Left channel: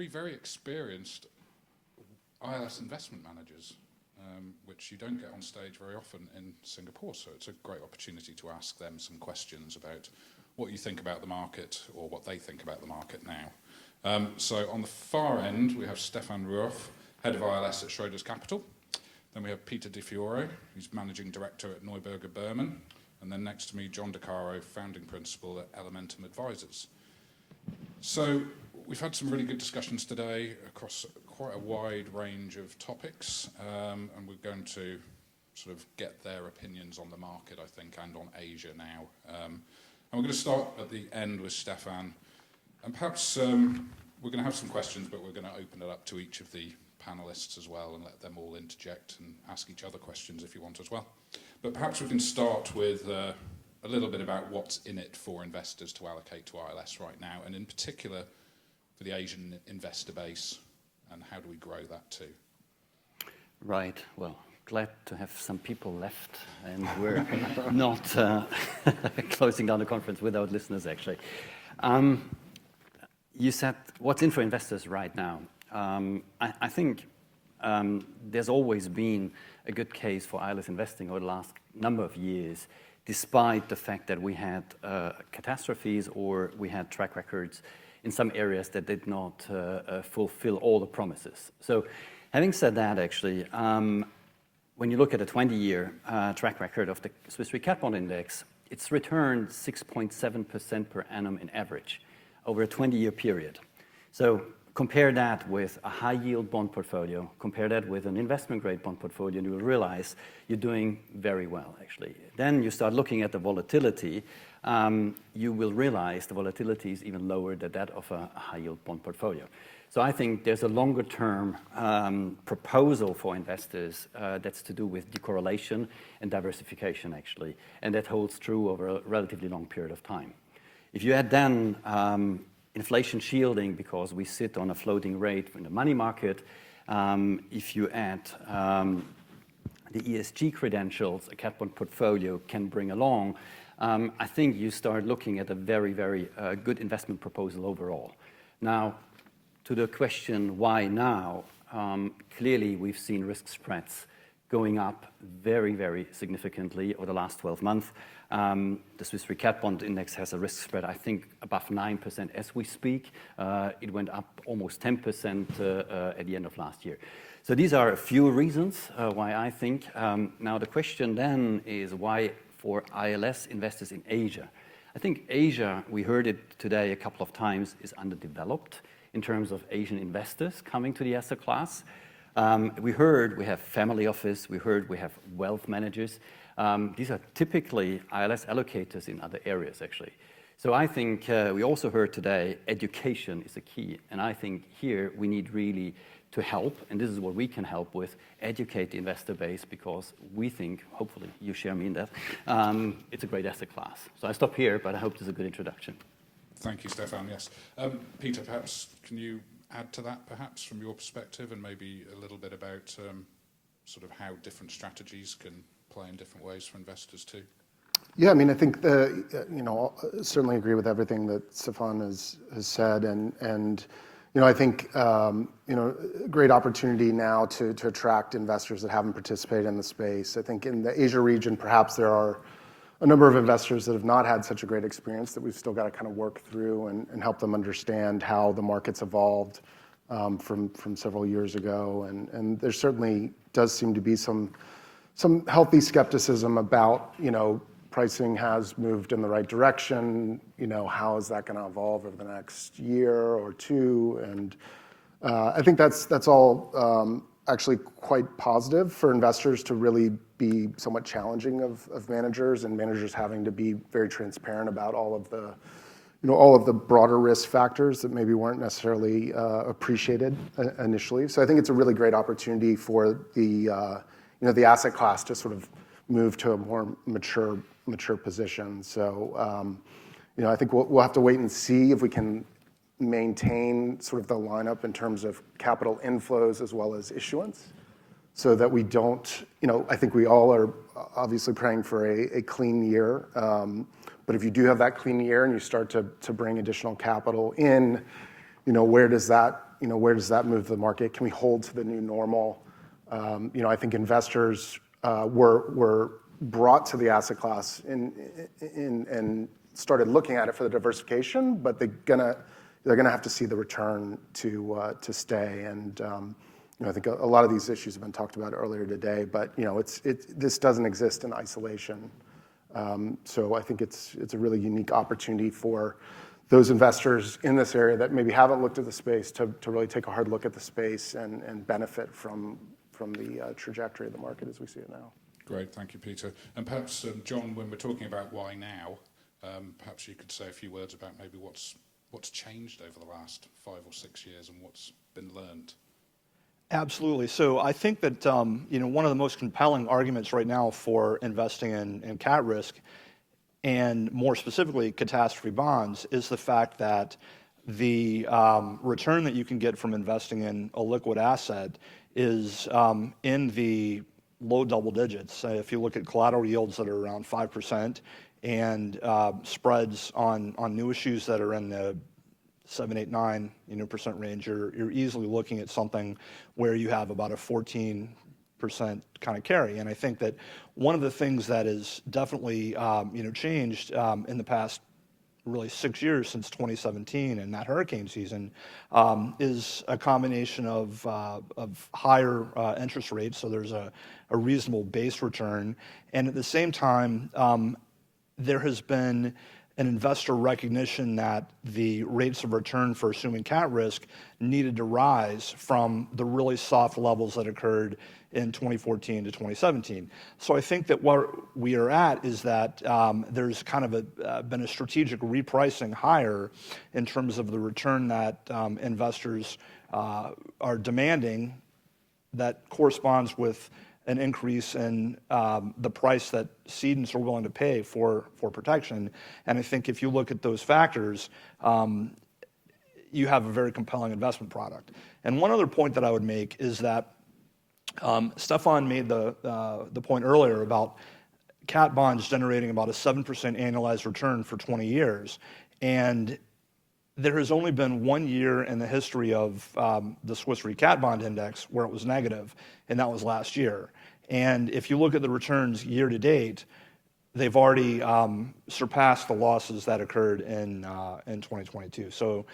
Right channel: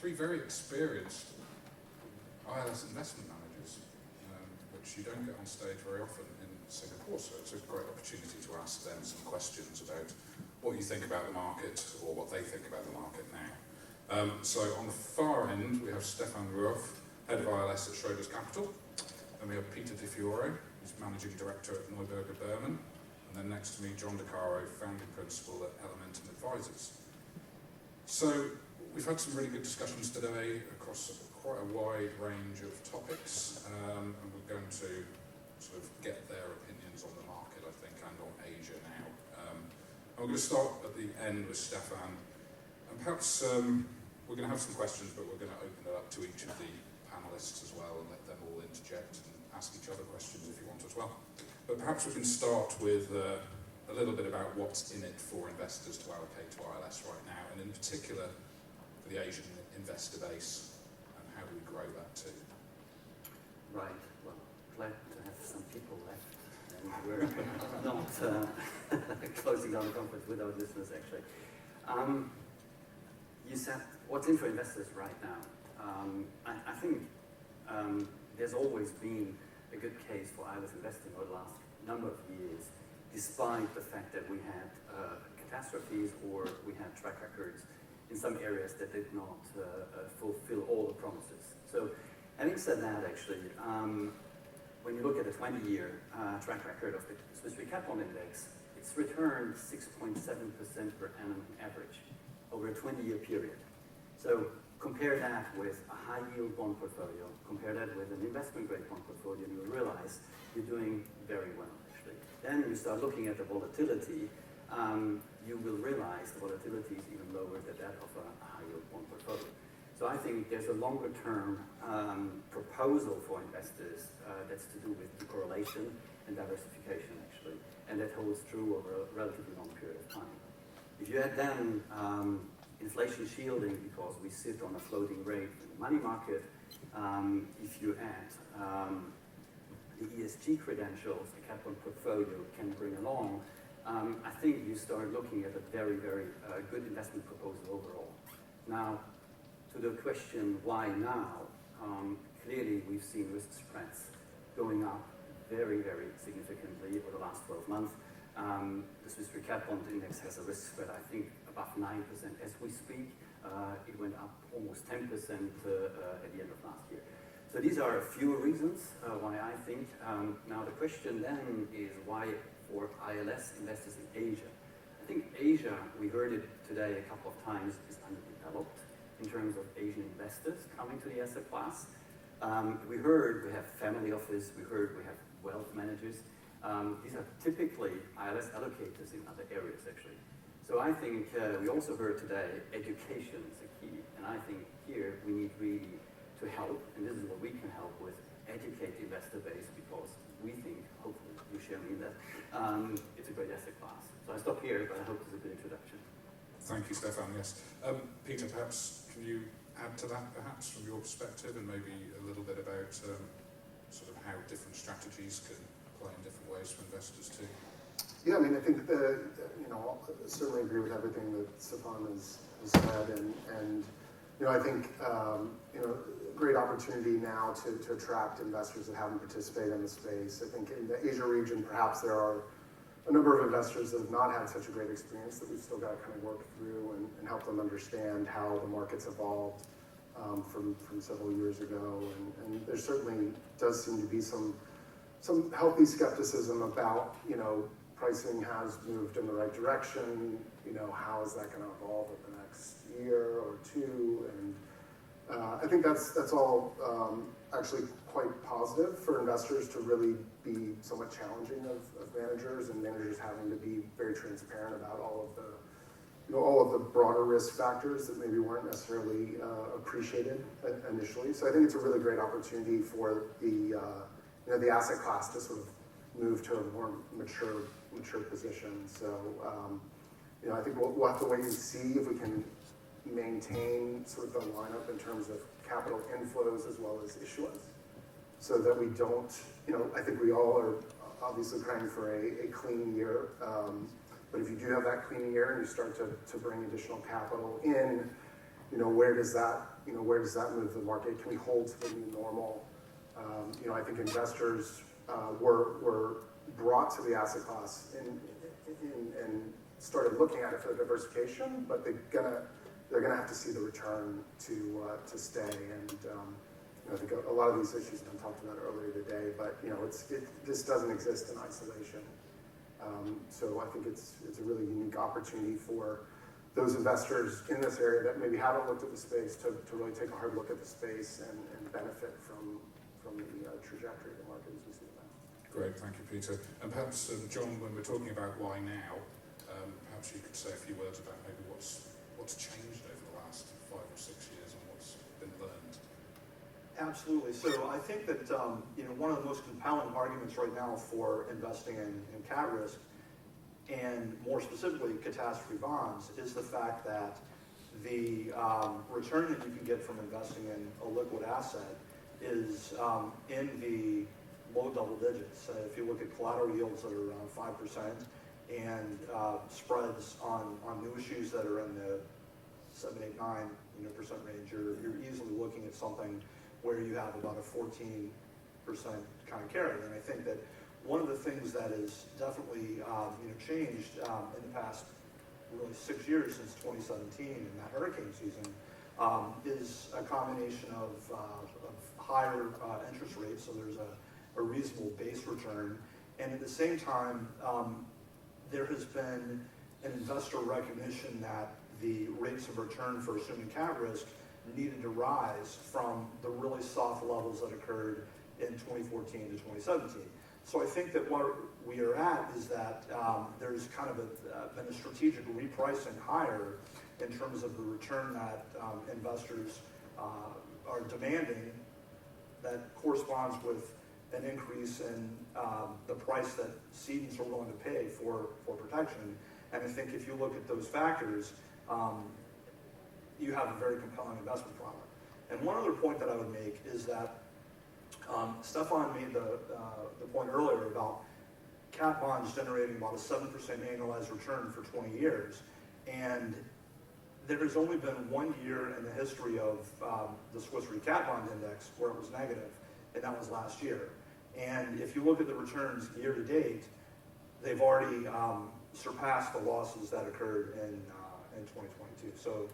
three very experienced ILS investment managers, which you don't get on stage very often in Singapore, so it's a great opportunity to ask them some questions about what you think about the market or what they think about the market now. So on the far end, we have Stephan Ruoff, Head of ILS at Schroders Capital, and we have Peter DiFiore, who's Managing Director at Neuberger Berman, and then next to me, John DeCaro, Founding Principal at Elementum Advisors. So we've had some really good discussions today across quite a wide range of topics, and we're going to sort of get their opinions on the market, I think, and on Asia now. And we're going to start at the end with Stephan, and perhaps we're going to have some questions, but we're going to open it up to each of the panellists as well and let them all interject and ask each other questions if you want as well. But perhaps we can start with a little bit about what's in it for investors to allocate to ILS right now, and in particular for the Asian investor base, and how do we grow that too? Right, well, glad to have some people left, and we're not closing down the conference without listeners, actually. You said, what's in for investors right now? I think there's always been a good case for ILS investing over the last number of years, despite the fact that we had catastrophes or we had track records in some areas that did not fulfill all the promises. So having said that, actually, when you look at a 20-year track record of the Swiss Re Cat Bond Index, it's returned 6.7% per annum in average over a 20-year period. So compare that with a high-yield bond portfolio, compare that with an investment-grade bond portfolio, and you will realize you're doing very well, actually. Then you start looking at the volatility, you will realize the volatility is even lower than that of a high-yield bond portfolio. So I think there's a longer-term proposal for investors that's to do with decorrelation and diversification, actually, and that holds true over a relatively long period of time. If you add then inflation shielding, because we sit on a floating rate in the money market, if you add the ESG credentials a cat bond portfolio can bring along, I think you start looking at a very, very good investment proposal overall. Now, to the question, why now? Clearly, we've seen risk spreads going up very, very significantly over the last 12 months. The Swiss Re Cat Bond Index has a risk spread, I think, above 9% as we speak. It went up almost 10% at the end of last year. So these are a few reasons why I think. Now the question then is why for ILS investors in Asia? I think Asia, we heard it today a couple of times, is underdeveloped in terms of Asian investors coming to the asset class. We heard we have family office, we heard we have wealth managers. These are typically ILS allocators in other areas, actually. So I think we also heard today education is the key. And I think here we need really to help, and this is what we can help with, educate the investor base, because we think, hopefully you share me in that, it's a great asset class. So I stop here, but I hope this is a good introduction. Thank you, Stephan, yes. Peter, perhaps can you add to that, perhaps, from your perspective, and maybe a little bit about sort of how different strategies can play in different ways for investors too? Yeah, I mean, I think certainly agree with everything that Stephan has said, and I think great opportunity now to attract investors that haven't participated in the space. I think in the Asia region, perhaps there are a number of investors that have not had such a great experience that we've still got to kind of work through and help them understand how the market's evolved from several years ago. And there certainly does seem to be some healthy skepticism about, pricing has moved in the right direction. How is that going to evolve over the next year or two? And I think that's all actually quite positive for investors to really be somewhat challenging of managers, and managers having to be very transparent about all of the broader risk factors that maybe weren't necessarily appreciated initially. So I think it's a really great opportunity for the asset class to sort of move to a more mature position. So I think we'll have to wait and see if we can maintain sort of the lineup in terms of capital inflows as well as issuance, so that we don't, I think we all are obviously praying for a clean year. But if you do have that clean year and you start to bring additional capital in, where does that move the market? Can we hold to the new normal? I think investors were brought to the asset class and started looking at it for the diversification, but they're gonna have to see the return to stay. And I think a lot of these issues have been talked about earlier today, but this doesn't exist in isolation. So I think it's a really unique opportunity for those investors in this area that maybe haven't looked at the space to really take a hard look at the space and benefit from the trajectory of the market as we see it now. Great, thank you, Peter. And perhaps, John, when we're talking about why now, perhaps you could say a few words about maybe what's changed over the last 5 or 6 years and what's been learned. Absolutely. So I think that one of the most compelling arguments right now for investing in cat risk, and more specifically catastrophe bonds, is the fact that the return that you can get from investing in a liquid asset is in the low double digits. If you look at collateral yields that are around 5% and spreads on new issues that are in the 7, 8, 9% range, you're easily looking at something where you have about a 14% kind of carry. And I think that one of the things that has definitely changed in the past really 6 years since 2017 and that hurricane season is a combination of higher interest rates, so there's a reasonable base return, and at the same time there has been an investor recognition that the rates of return for assuming cat risk needed to rise from the really soft levels that occurred in 2014 to 2017. So I think that what we are at is that there's kind of been a strategic repricing higher in terms of the return that investors are demanding that corresponds with an increase in the price that cedents are willing to pay for protection. And I think if you look at those factors, you have a very compelling investment product. And one other point that I would make is that Stephan made the point earlier about cat bonds generating about a 7% annualized return for 20 years. And there has only been 1 year in the history of the Swiss Re Cat Bond Index where it was negative, and that was last year. And if you look at the returns year to date, they've already surpassed the losses that occurred in 2022. So,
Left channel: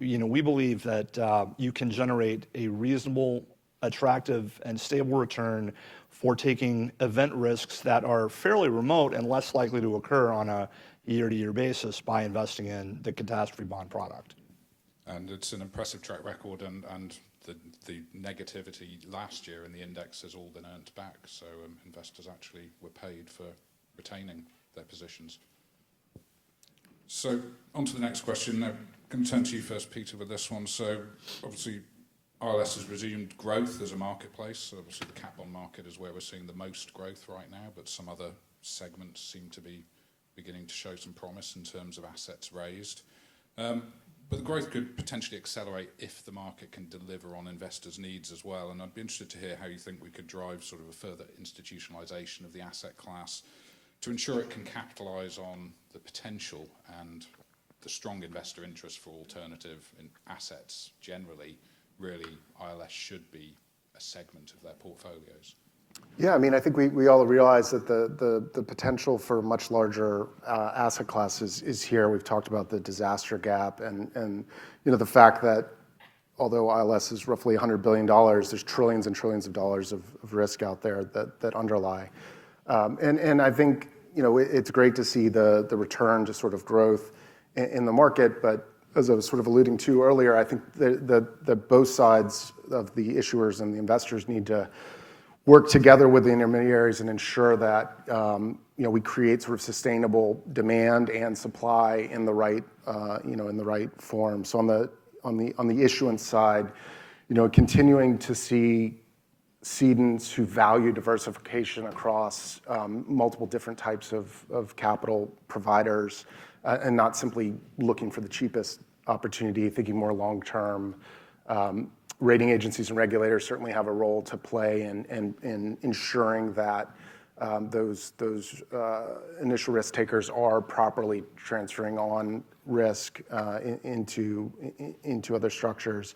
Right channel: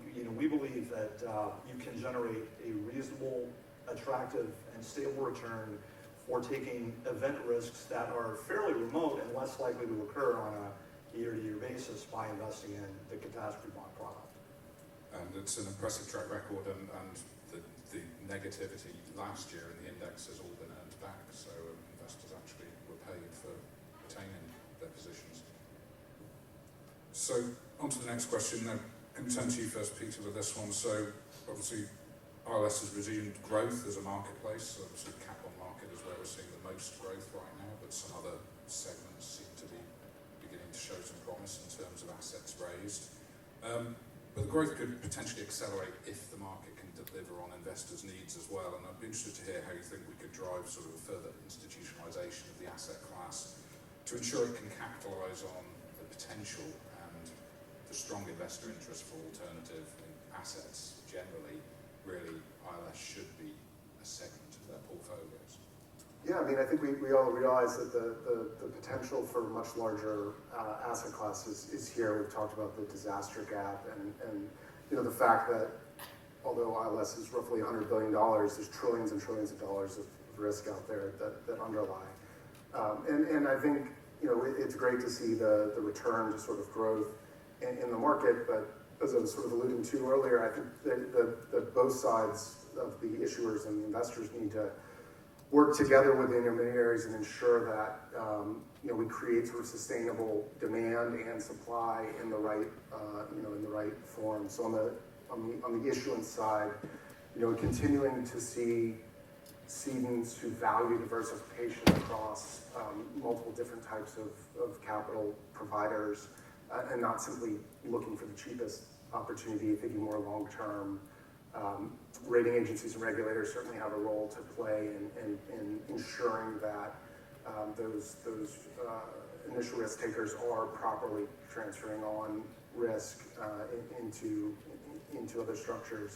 we believe that you can generate a reasonable, attractive, and stable return for taking event risks that are fairly remote and less likely to occur on a year-to-year basis by investing in the catastrophe bond product. And it's an impressive track record, and the negativity last year in the index has all been earned back, so investors actually were paid for retaining their positions. So on to the next question. Now, I'm going to turn to you first, Peter, with this one. So obviously ILS has resumed growth as a marketplace, so obviously the cat bond market is where we're seeing the most growth right now, but some other segments seem to be beginning to show some promise in terms of assets raised. But the growth could potentially accelerate if the market can deliver on investors' needs as well. And I'd be interested to hear how you think we could drive sort of a further institutionalisation of the asset class to ensure it can capitalise on the potential and the strong investor interest for alternative assets generally. Really, ILS should be a segment of their portfolios. Yeah, I mean, I think we all realize that the potential for much larger asset classes is here. We've talked about the disaster gap and the fact that although ILS is roughly $100 billion, there's trillions and trillions of dollars of risk out there that underlie. And I think it's great to see the return to sort of growth in the market, but as I was sort of alluding to earlier, I think that both sides of the issuers and the investors need to work together with the intermediaries and ensure that we create sort of sustainable demand and supply in the right in the right form. So on the issuance side, continuing to see cedents who value diversification across multiple different types of capital providers and not simply looking for the cheapest opportunity, thinking more long term. Rating agencies and regulators certainly have a role to play in ensuring that those initial risk takers are properly transferring on risk into other structures.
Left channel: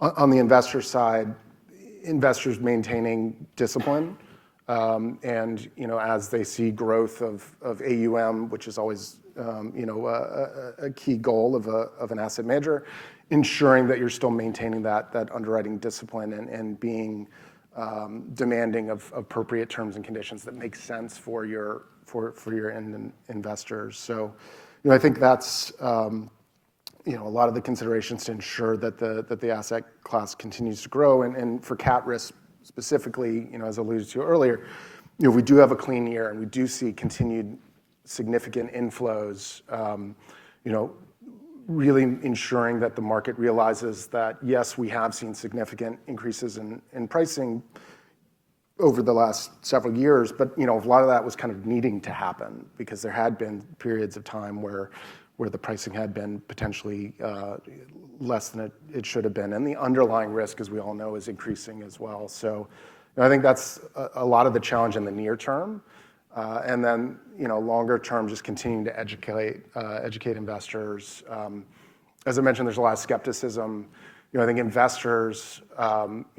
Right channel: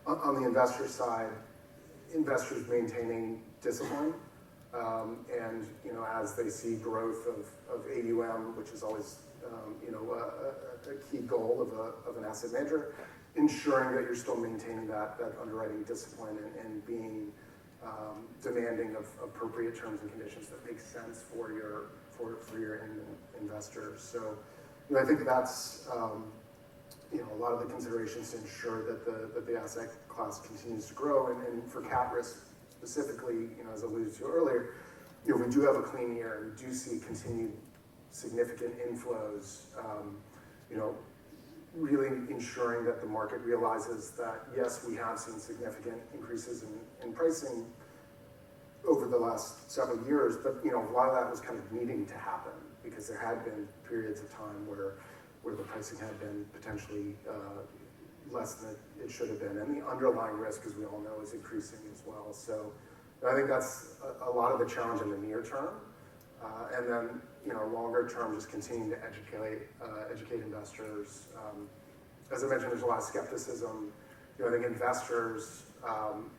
On the investor side, investors maintaining discipline, and as they see growth of AUM, which is always a key goal of an asset manager, ensuring that you're still maintaining that underwriting discipline and being demanding of appropriate terms and conditions that make sense for your end investors. So, I think that's a lot of the considerations to ensure that the asset class continues to grow, and for cat risk specifically, as alluded to earlier, we do have a clean year, and we do see continued significant inflows. Really ensuring that the market realizes that yes, we have seen significant increases in pricing over the last several years, but a lot of that was kind of needing to happen because there had been periods of time where the pricing had been potentially less than it should have been, and the underlying risk, as we all know, is increasing as well. So I think that's a lot of the challenge in the near term, and then longer term, just continuing to educate investors. As I mentioned, there's a lot of skepticism. I think investors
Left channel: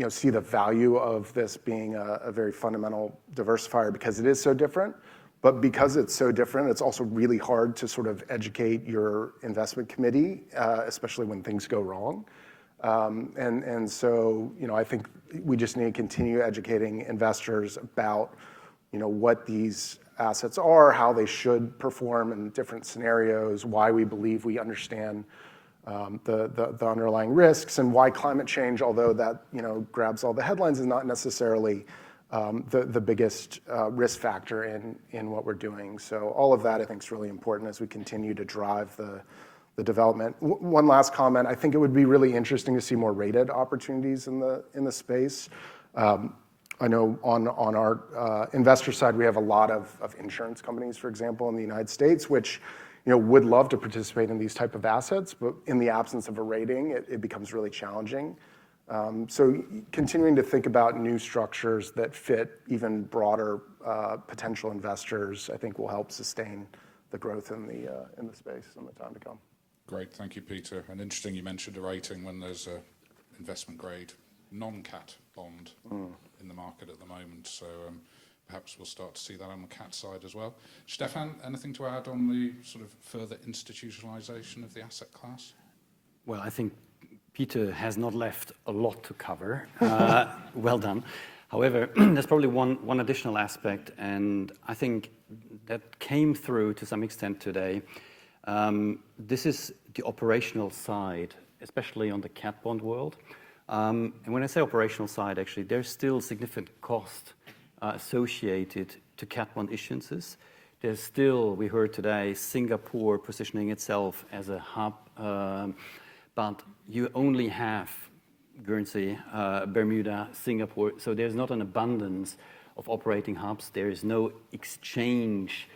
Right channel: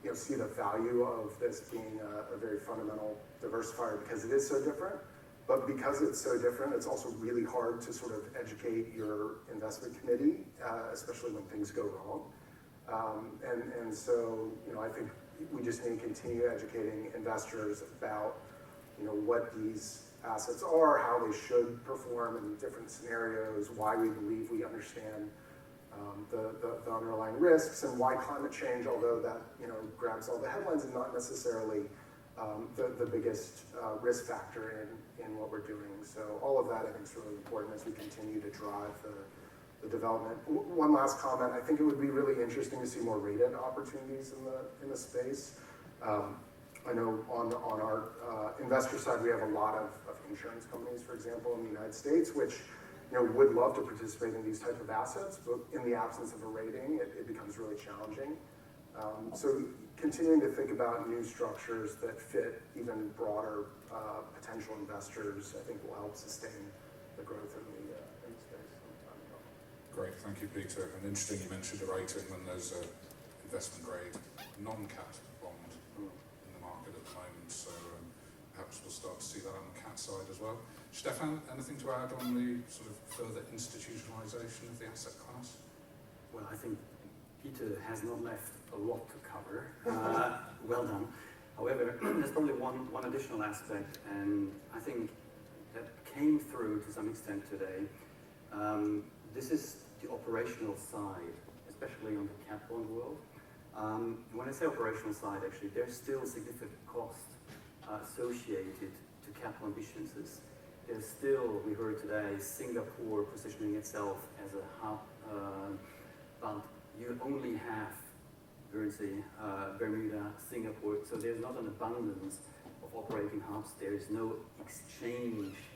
see the value of this being a very fundamental diversifier because it is so different. But because it's so different, it's also really hard to sort of educate your investment committee, especially when things go wrong. And so, I think we just need to continue educating investors about, what these assets are, how they should perform in different scenarios, why we believe we understand the underlying risks, and why climate change, although that grabs all the headlines, is not necessarily the biggest risk factor in what we're doing. So all of that I think is really important as we continue to drive the development. One last comment: I think it would be really interesting to see more rated opportunities in the space. I know on our investor side, we have a lot of insurance companies, for example, in the United States, which would love to participate in these type of assets, but in the absence of a rating, it becomes really challenging. So continuing to think about new structures that fit even broader potential investors, I think will help sustain the growth in the space in the time to come. Great, thank you, Peter. And interesting you mentioned a rating when there's an investment grade non-cat bond in the market at the moment, so perhaps we'll start to see that on the cat side as well. Stephan, anything to add on the sort of further institutionalisation of the asset class? Well, I think Peter has not left a lot to cover. Well done. However, there's probably one additional aspect, and I think that came through to some extent today. This is the operational side, especially on the cat bond world. And when I say operational side, actually, there's still significant cost associated to cat bond issuances. There's still, we heard today, Singapore positioning itself as a hub, but you only have Guernsey, Bermuda, Singapore, so there's not an abundance of operating hubs. There is no exchange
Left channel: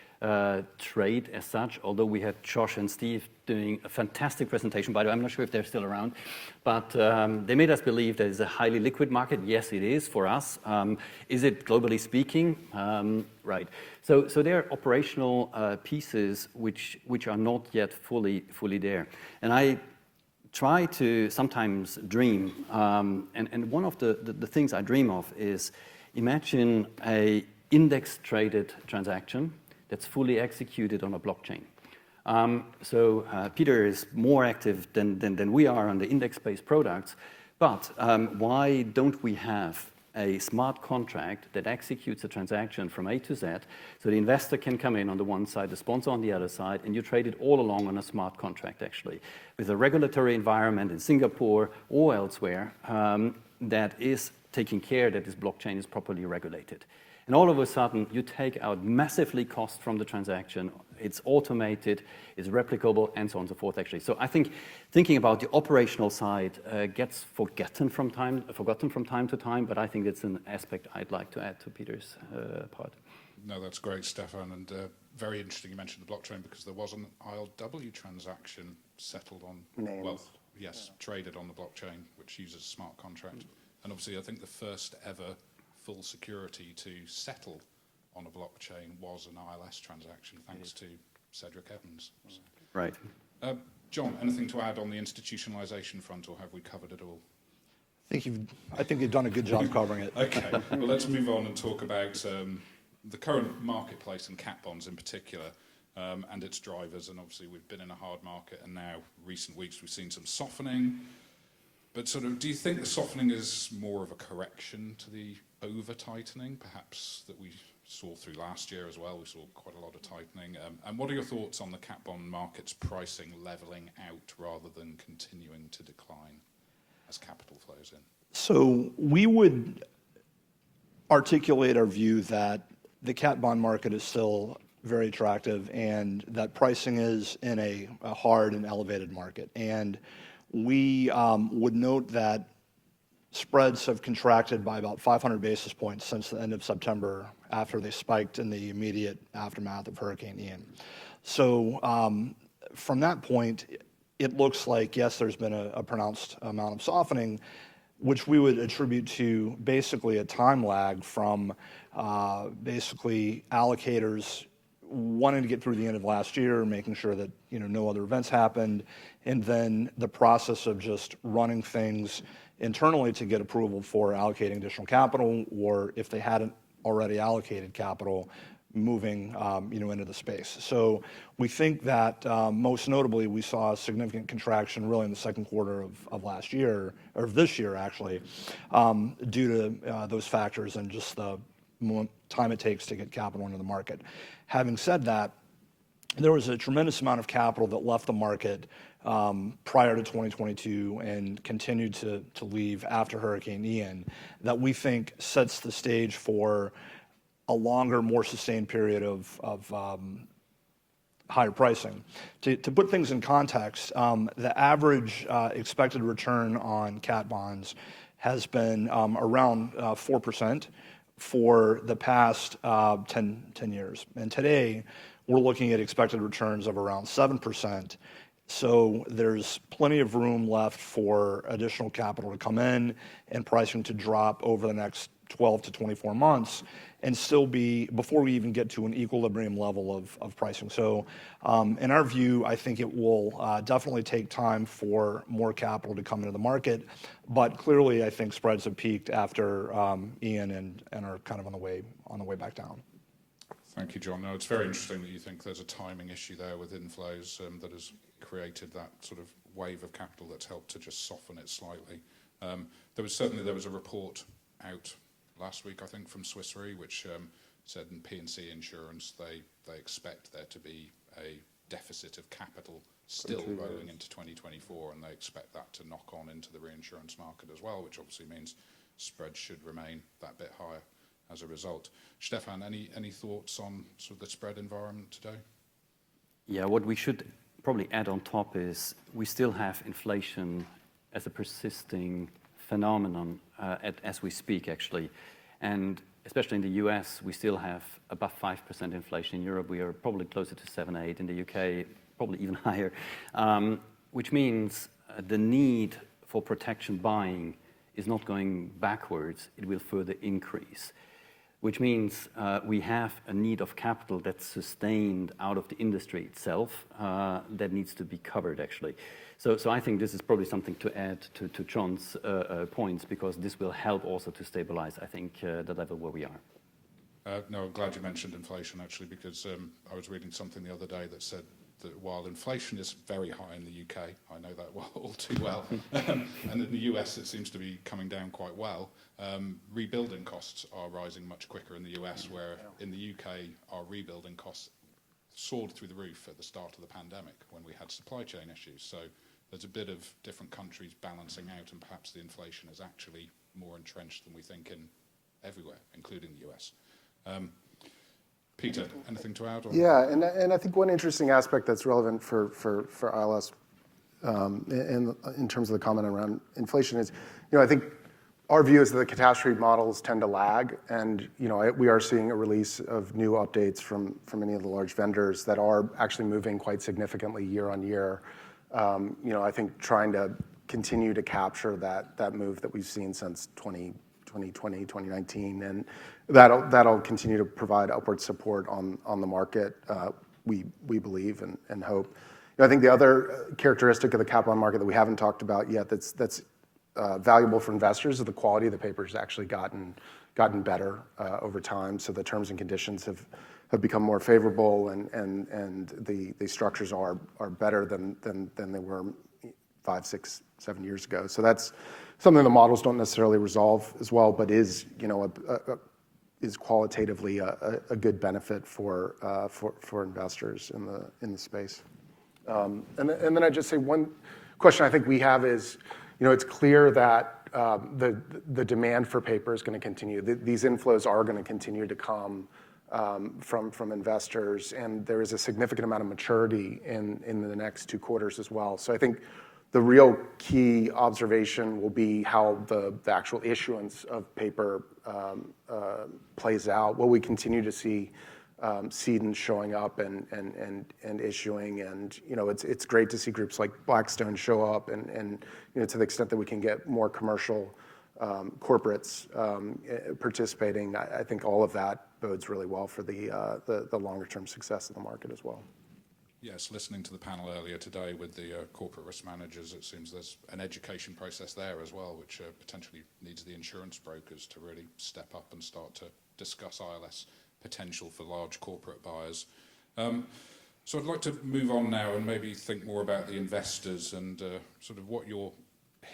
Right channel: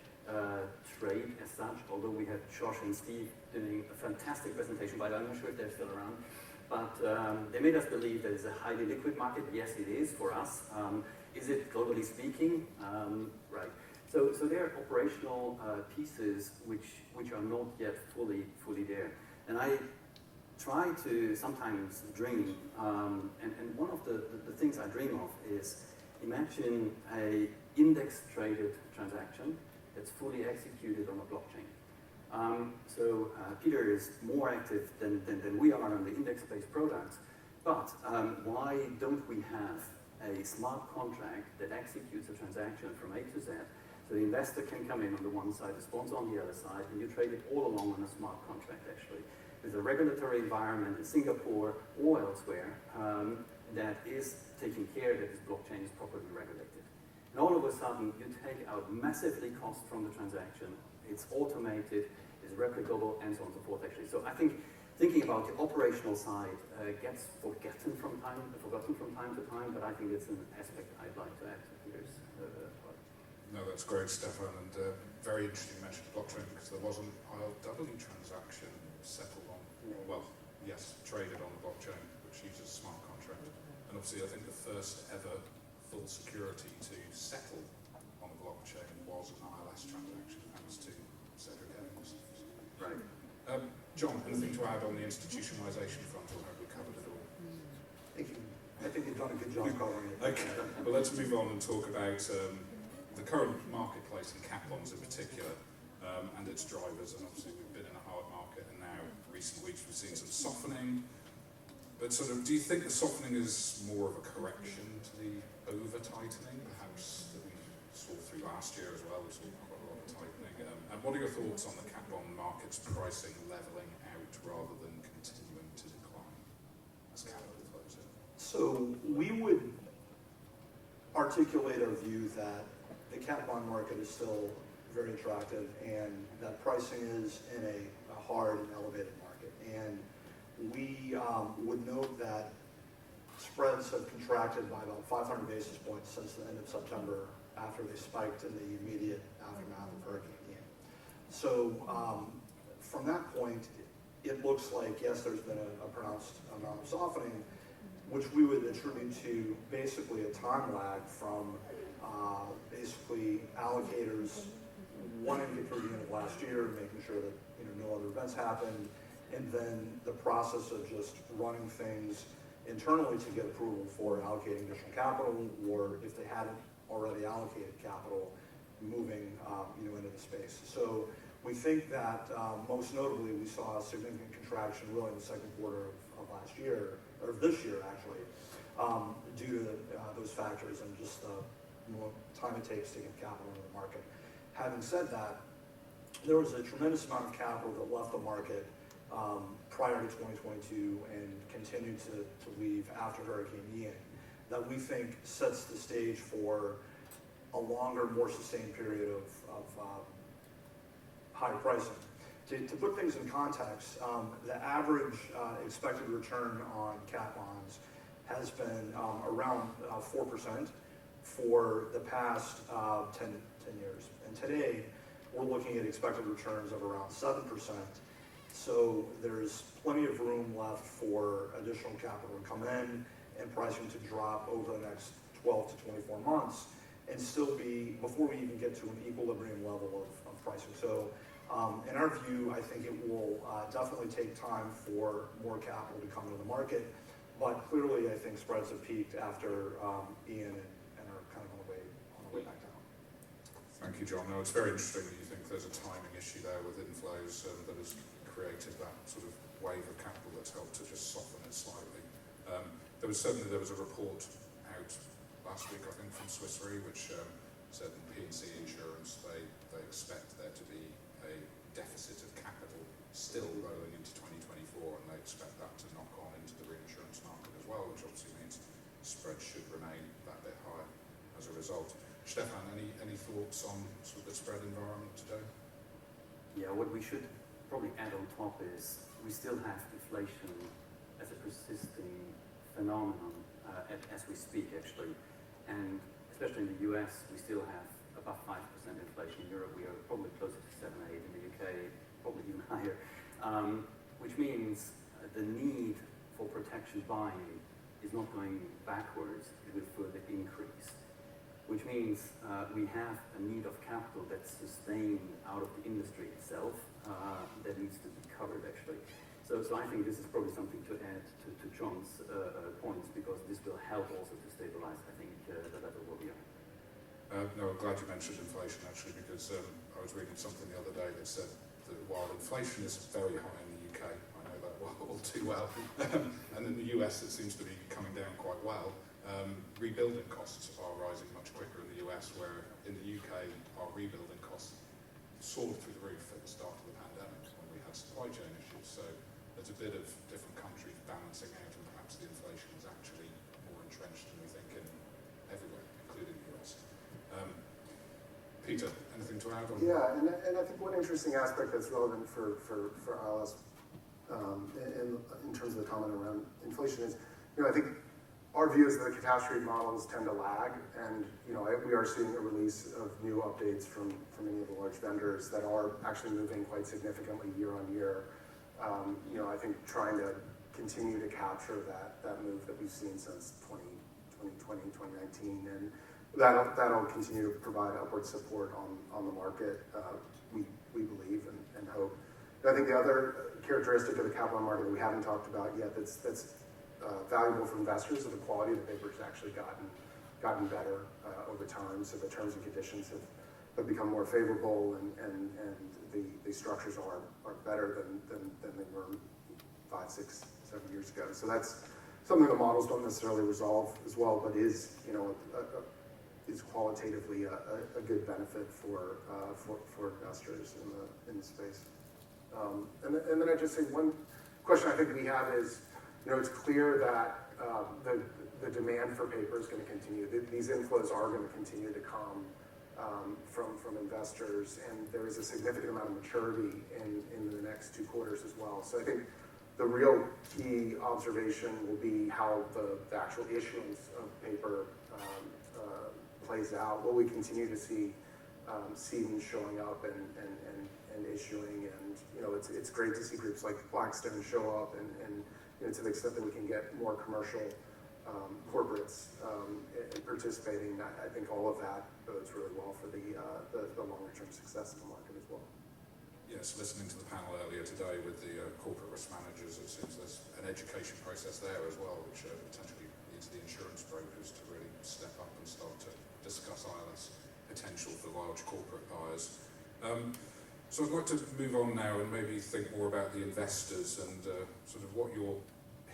trade as such, although we had Josh and Steve doing a fantastic presentation. By the way, I'm not sure if they're still around, but they made us believe there is a highly liquid market. Yes, it is for us. Is it globally speaking? Right. So there are operational pieces which are not yet fully there. And I try to sometimes dream, and one of the things I dream of is imagine a index-traded transaction that's fully executed on a blockchain. So Peter is more active than we are on the index-based products, but why don't we have a smart contract that executes a transaction from A to Z, so the investor can come in on the one side, the sponsor on the other side, and you trade it all along on a smart contract, actually, with a regulatory environment in Singapore or elsewhere that is taking care that this blockchain is properly regulated. And all of a sudden, you take out massively cost from the transaction, it's automated, it's replicable, and so on and so forth, actually. So I think thinking about the operational side gets forgotten from time to time, but I think it's an aspect I'd like to add to Peter's part. No, that's great, Stephan, and very interesting you mentioned blockchain because there was an ILW transaction settled on, traded on the blockchain, which uses a smart contract. And obviously, I think the first ever full security to settle on a blockchain was an ILS transaction, thanks to Cedric Evans. Right. John, anything to add on the institutionalisation front, or have we covered it all? I think you've done a good job covering it. Okay, well, let's move on and talk about the current marketplace in cat bonds in particular, and its drivers. And obviously we've been in a hard market, and now recent weeks we've seen some softening. But sort of, do you think the softening is more of a correction to the over-tightening, perhaps, that we saw through last year as well? We saw quite a lot of tightening. And what are your thoughts on the cat bond market's pricing levelling out rather than continuing to decline as capital flows in? So we would articulate our view that the cat bond market is still very attractive and that pricing is in a hard and elevated market. And we would note that spreads have contracted by about 500 basis points since the end of September, after they spiked in the immediate aftermath of Hurricane Ian. So from that point, it looks like, yes, there's been a pronounced amount of softening, which we would attribute to basically a time lag from basically allocators wanting to get through the end of last year and making sure that no other events happened, and then the process of just running things internally to get approval for allocating additional capital, or if they hadn't already allocated capital, moving into the space. So we think that most notably we saw a significant contraction really in the second quarter of last year, or this year actually, due to those factors and just the time it takes to get capital into the market. Having said that, there was a tremendous amount of capital that left the market prior to 2022 and continued to leave after Hurricane Ian, that we think sets the stage for a longer, more sustained period of higher pricing. To put things in context, the average expected return on cat bonds has been around 4% for the past 10 years. And today, we're looking at expected returns of around 7%. So there's plenty of room left for additional capital to come in and pricing to drop over the next 12 to 24 months and still be, before we even get to an equilibrium level of pricing. So in our view, I think it will definitely take time for more capital to come into the market, but clearly I think spreads have peaked after Ian and are kind of on the way back down. Thank you, John. No, it's very interesting that you think there's a timing issue there with inflows that has created that sort of wave of capital that's helped to just soften it slightly. There was a report out last week, I think, from Swiss Re, which said in P&C insurance they expect there to be a deficit of capital still rolling into 2024, and they expect that to knock on into the reinsurance market as well, which obviously means spreads should remain that bit higher as a result. Stephan, any thoughts on sort of the spread environment today? Yeah, what we should probably add on top is we still have inflation as a persisting phenomenon as we speak, actually. And especially in the US, we still have above 5% inflation. In Europe, we are probably closer to 7, 8. In the UK, probably even higher, which means the need for protection buying is not going backwards, it will further increase. Which means we have a need of capital that's sustained out of the industry itself that needs to be covered, actually. So I think this is probably something to add to John's points, because this will help also to stabilize, I think, the level where we are. No, I'm glad you mentioned inflation, actually, because I was reading something the other day that said that while inflation is very high in the UK, I know that all too well, and in the US it seems to be coming down quite well, rebuilding costs are rising much quicker in the US, where in the UK our rebuilding costs soared through the roof at the start of the pandemic when we had supply chain issues. So there's a bit of different countries balancing out, and perhaps the inflation is actually more entrenched than we think in everywhere, including the US. Peter, anything to add? Yeah, and I think one interesting aspect that's relevant for ILS in terms of the comment around inflation is, I think our view is that the catastrophe models tend to lag, and we are seeing a release of new updates from many of the large vendors that are actually moving quite significantly year on year. I think trying to continue to capture that move that we've seen since 2020, 2019, that'll continue to provide upward support on the market. We believe and hope. I think the other characteristic of the capital market that we haven't talked about yet that's valuable for investors is the quality of the paper has actually gotten better over time. So the terms and conditions have become more favorable, and the structures are better than they were 5, 6, 7 years ago. So that's something the models don't necessarily resolve as well, but is is qualitatively a good benefit for investors in the space. And then I just say one question I think we have is, it's clear that the demand for paper is going to continue. These inflows are going to continue to come from investors, and there is a significant amount of maturity in the next 2 quarters as well. So I think the real key observation will be how the actual issuance of paper plays out. Will we continue to see cedents showing up and issuing? And it's great to see groups like Blackstone show up, and to the extent that we can get more commercial corporates participating, I think all of that bodes really well for the longer term success of the market as well. Yes, listening to the panel earlier today with the corporate risk managers, it seems there's an education process there as well, which potentially needs the insurance brokers to really step up and start to discuss ILS potential for large corporate buyers. So I'd like to move on now and maybe think more about the investors and sort of what you're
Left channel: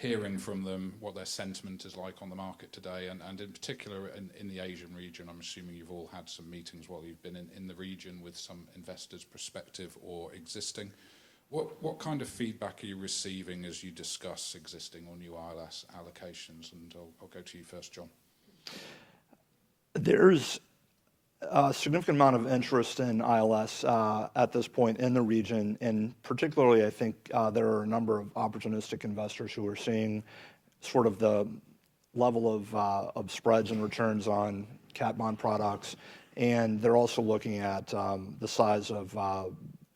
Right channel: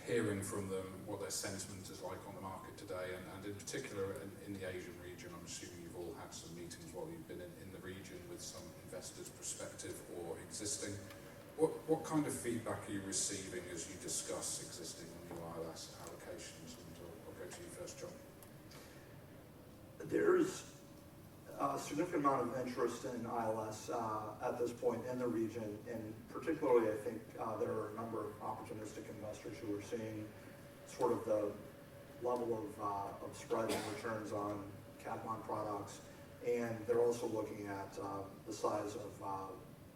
hearing from them, what their sentiment is like on the market today, and in particular in the Asian region. I'm assuming you've all had some meetings while you've been in the region with some investors, prospective or existing. What kind of feedback are you receiving as you discuss existing or new ILS allocations? And I'll go to you first, John. There's a significant amount of interest in ILS at this point in the region, and particularly I think there are a number of opportunistic investors who are seeing sort of the level of spreads and returns on cat bond products, and they're also looking at the size of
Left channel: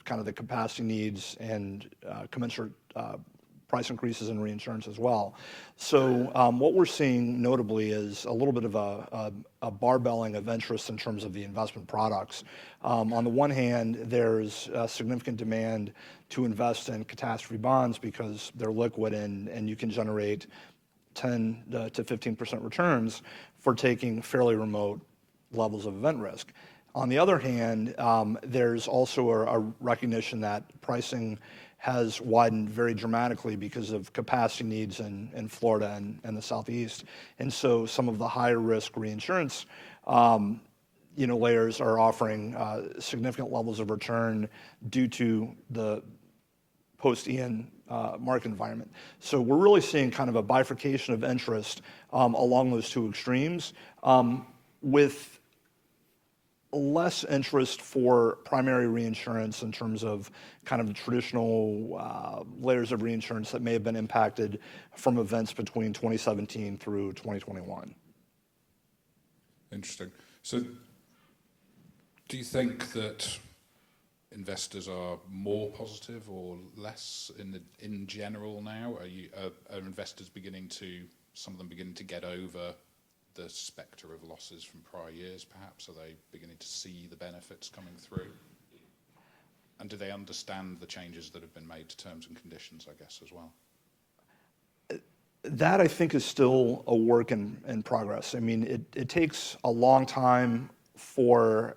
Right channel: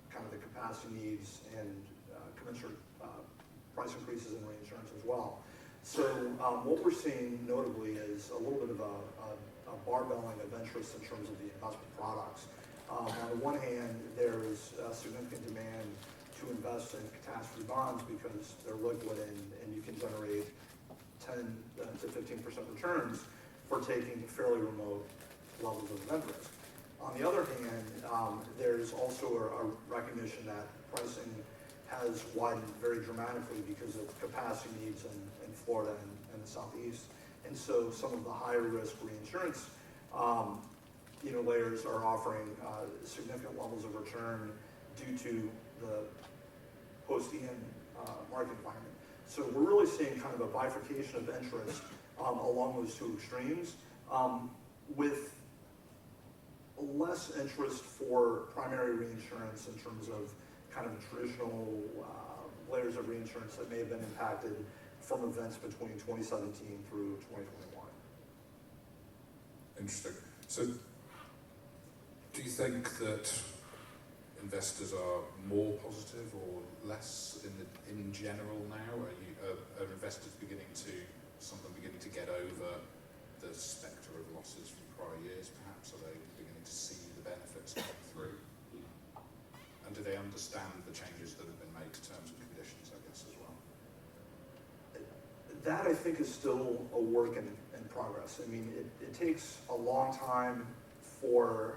kind of the capacity needs and commensurate price increases in reinsurance as well. So what we're seeing notably is a little bit of a barbelling of interest in terms of the investment products. On the one hand, there's a significant demand to invest in catastrophe bonds because they're liquid and you can generate 10 to 15% returns for taking fairly remote levels of event risk. On the other hand, there's also a recognition that pricing has widened very dramatically because of capacity needs in Florida and the Southeast. And so some of the higher risk reinsurance layers are offering significant levels of return due to the post-Ian market environment. So we're really seeing kind of a bifurcation of interest along those 2 extremes, with less interest for primary reinsurance in terms of kind of the traditional layers of reinsurance that may have been impacted from events between 2017 through 2021. Interesting. So do you think that investors are more positive or less in general now? Are investors some of them beginning to get over the spectre of losses from prior years perhaps? Are they beginning to see the benefits coming through? And do they understand the changes that have been made to terms and conditions, I guess, as well? That, I think, is still a work in progress. I mean, it takes a long time for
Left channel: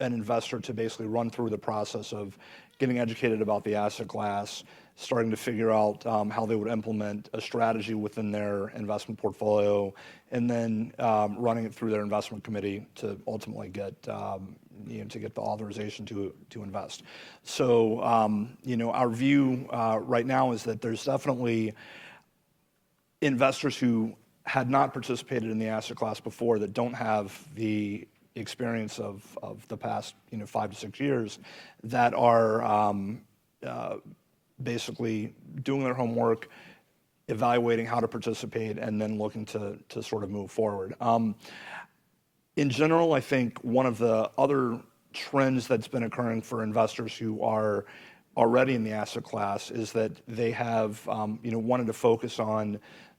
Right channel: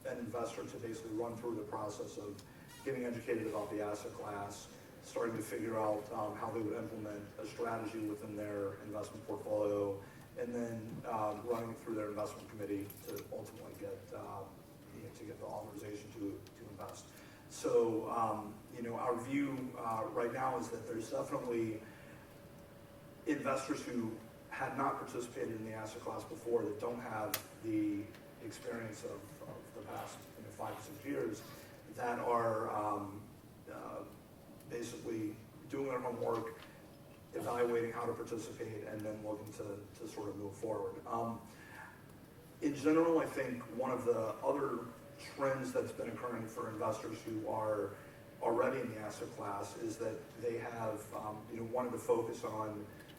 an investor to basically run through the process of getting educated about the asset class, starting to figure out how they would implement a strategy within their investment portfolio, and then running it through their investment committee to ultimately get to get the authorization to invest. So our view right now is that there's definitely investors who had not participated in the asset class before that don't have the experience of the past 5 to 6 years that are basically doing their homework, evaluating how to participate, and then looking to sort of move forward. In general, I think one of the other trends that's been occurring for investors who are already in the asset class is that they have wanted to focus on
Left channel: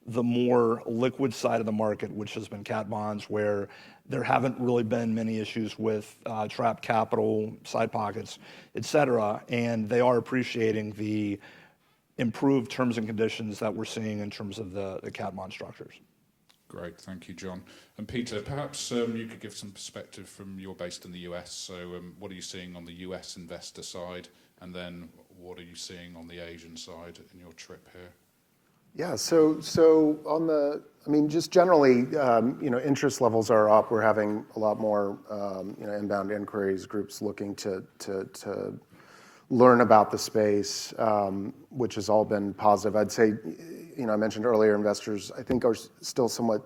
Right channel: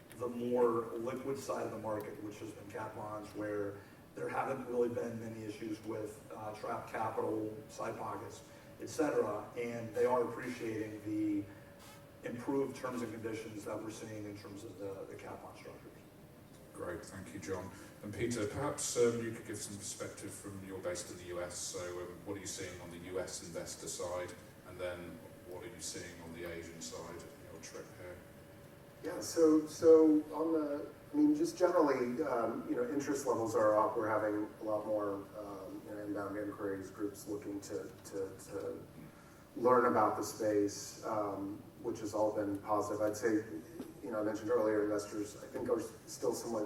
the more liquid side of the market, which has been cat bonds, where there haven't really been many issues with trapped capital, side pockets, et cetera, and they are appreciating the improved terms and conditions that we're seeing in terms of the cat bond structures. Great, thank you, John. And Peter, perhaps you could give some perspective from, you're based in the US, so what are you seeing on the US investor side, and then what are you seeing on the Asian side in your trip here? Yeah, so on the, I mean, just generally, interest levels are up. We're having a lot more, inbound inquiries, groups looking to learn about the space, which has all been positive. I'd say, I mentioned earlier, investors, I think, are still somewhat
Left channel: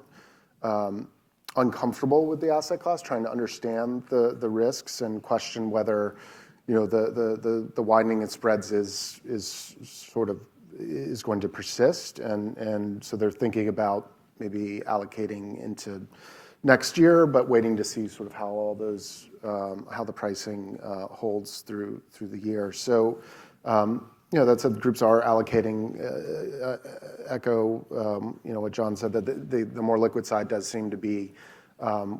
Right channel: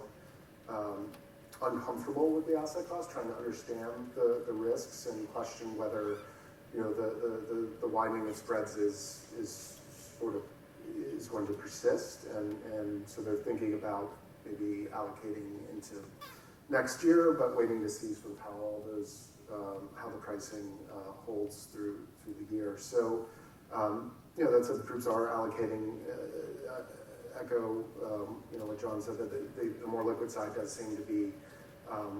uncomfortable with the asset class, trying to understand the risks and question whether, the widening of spreads is going to persist, and so they're thinking about maybe allocating into next year, but waiting to see sort of how all those how the pricing holds through the year. So that said, groups are allocating. Echo what John said, that the more liquid side does seem to be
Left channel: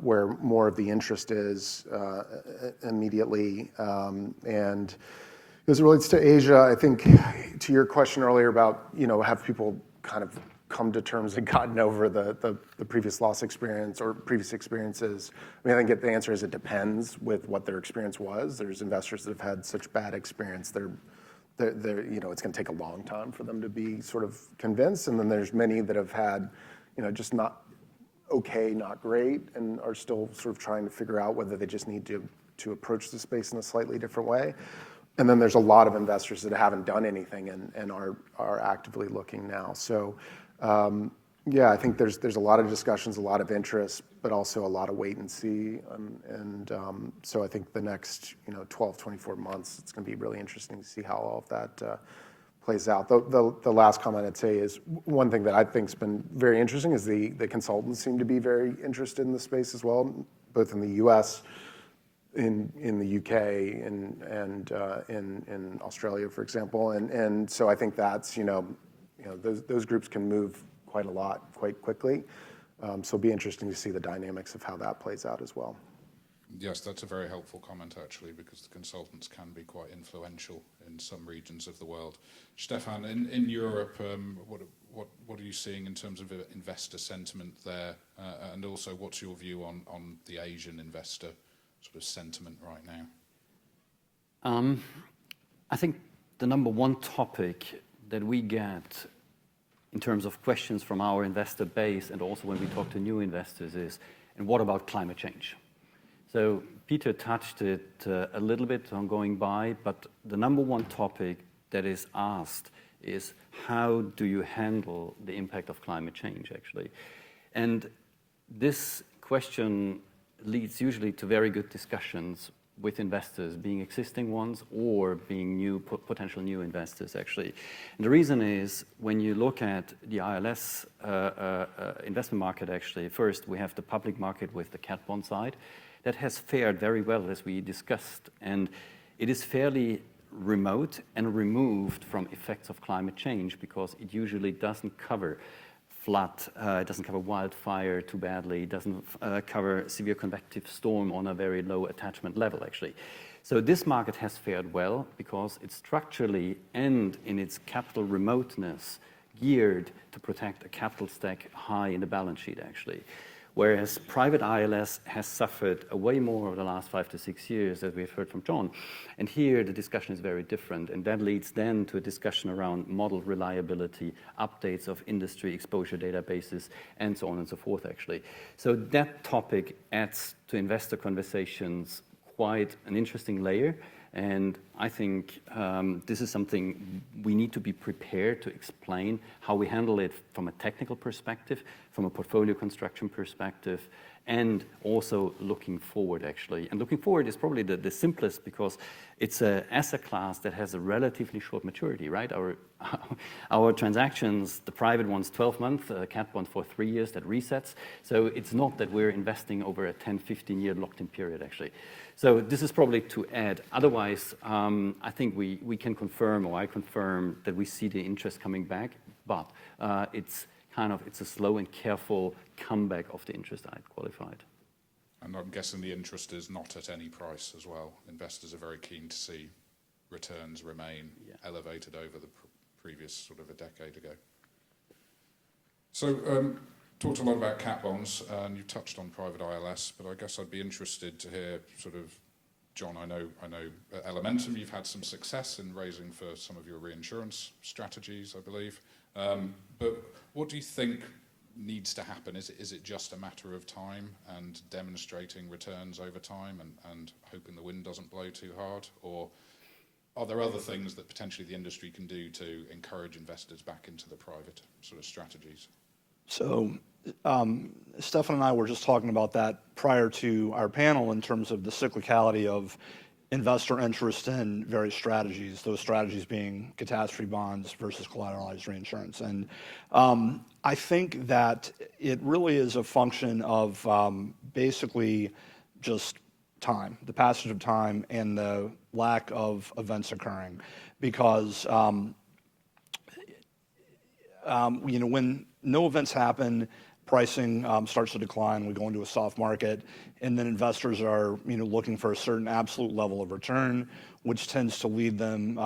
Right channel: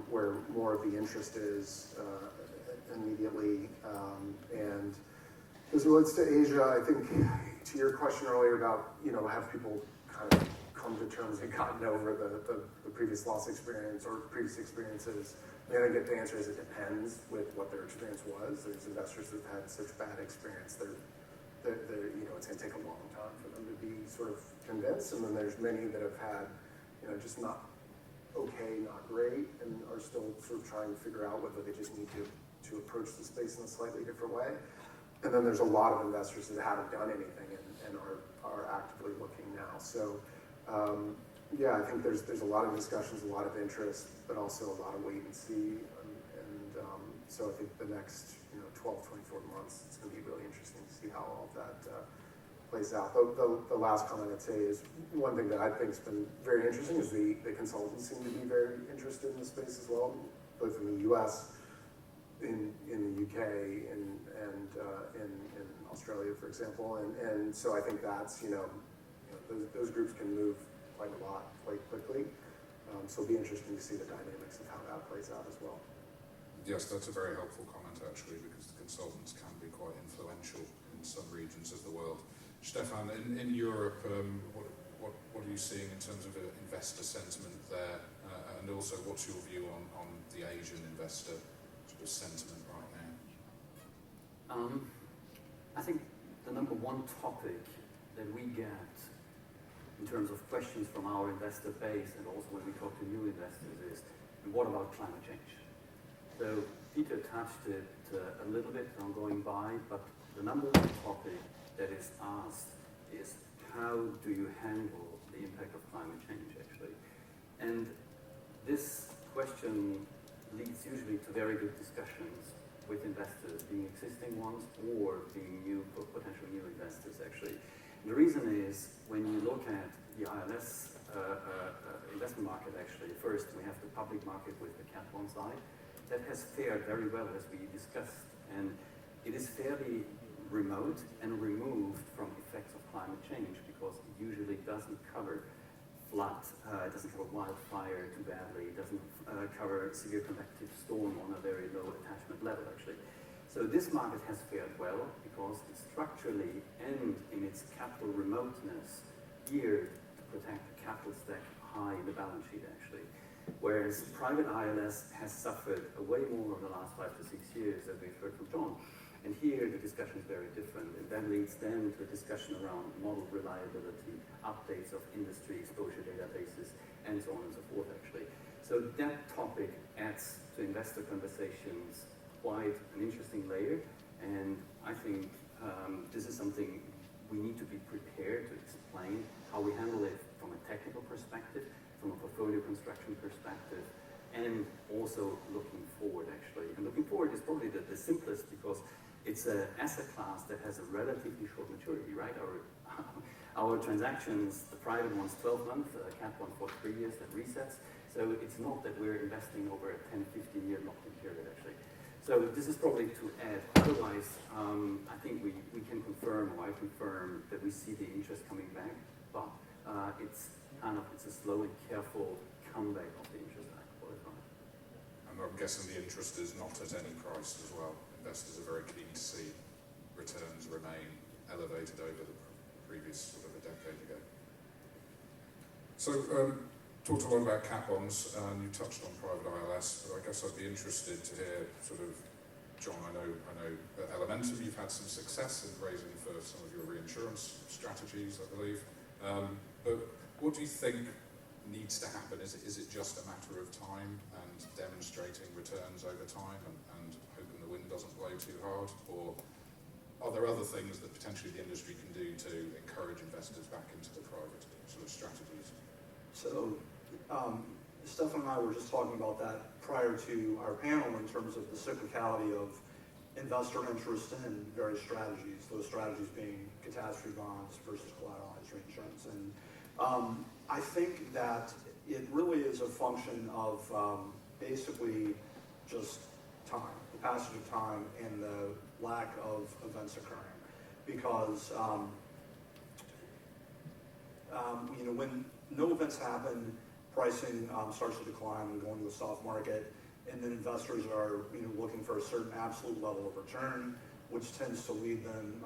where more of the interest is immediately, and as it relates to Asia, I think to your question earlier about, have people kind of come to terms and gotten over the previous loss experience or previous experiences? I mean, I think the answer is it depends with what their experience was. There's investors that have had such bad experience, they're it's going to take a long time for them to be sort of convinced. And then there's many that have had, just not okay, not great, and are still sort of trying to figure out whether they just need to approach the space in a slightly different way. And then there's a lot of investors that haven't done anything and are actively looking now. So I think there's a lot of discussions, a lot of interest, but also a lot of wait and see. So I think the next 12, 24 months, it's going to be really interesting to see how all of that plays out. The last comment I'd say is one thing that I think has been very interesting is the consultants seem to be very interested in the space as well, both in the US, in the UK, and in Australia, for example. And so I think that's, those groups can move quite a lot, quite quickly. So it'll be interesting to see the dynamics of how that plays out as well. Yes, that's a very helpful comment, actually, because the consultants can be quite influential in some regions of the world. Stephan, in Europe, what are you seeing in terms of investor sentiment there? And also, what's your view on the Asian investor sort of sentiment right now? I think the number one topic that we get in terms of questions from our investor base, and also when we talk to new investors, is, and what about climate change? So Peter touched it a little bit on going by, but the number one topic that is asked is, how do you handle the impact of climate change, actually? And this question leads usually to very good discussions with investors, being existing ones or being new, potential new investors, actually. And the reason is, when you look at the ILS investment market, actually, first we have the public market with the cat bond side. That has fared very well, as we discussed, and it is fairly remote and removed from effects of climate change, because it usually doesn't cover flood, it doesn't cover wildfire too badly, it doesn't cover severe convective storm on a very low attachment level, actually. So this market has fared well because it's structurally and in its capital remoteness geared to protect a capital stack high in the balance sheet, actually. Whereas private ILS has suffered way more over the last 5 to 6 years, as we've heard from John. And here the discussion is very different, and that leads then to a discussion around model reliability, updates of industry exposure databases, and so on and so forth, actually. So that topic adds to investor conversations quite an interesting layer, and I think this is something we need to be prepared to explain how we handle it from a technical perspective, from a portfolio construction perspective, and also looking forward, actually. And looking forward is probably the simplest, because it's an asset class that has a relatively short maturity, right? Our transactions, the private ones, 12 months, cat bond for 3 years, that resets. So it's not that we're investing over a 10, 15-year locked-in period, actually. So this is probably to add. Otherwise, I think we can confirm, or I confirm, that we see the interest coming back, but it's a slow and careful comeback of the interest I qualified. And I'm guessing the interest is not at any price as well. Investors are very keen to see returns remain elevated over the previous sort of a decade ago. So, talked a lot about cat bonds, and you touched on private ILS, but I guess I'd be interested to hear sort of, John, I know at Elementum you've had some success in raising for some of your reinsurance strategies, I believe. But what do you think needs to happen? Is it just a matter of time and demonstrating returns over time and hoping the wind doesn't blow too hard? Or are there other things that potentially the industry can do to encourage investors back into the private sort of strategies? So, Stephan and I were just talking about that prior to our panel in terms of the cyclicality of investor interest in various strategies, those strategies being catastrophe bonds versus collateralized reinsurance. And I think that it really is a function of basically just time, the passage of time and the lack of events occurring. Because when no events happen, pricing starts to decline, we go into a soft market, and then investors are looking for a certain absolute level of return, which tends to lead them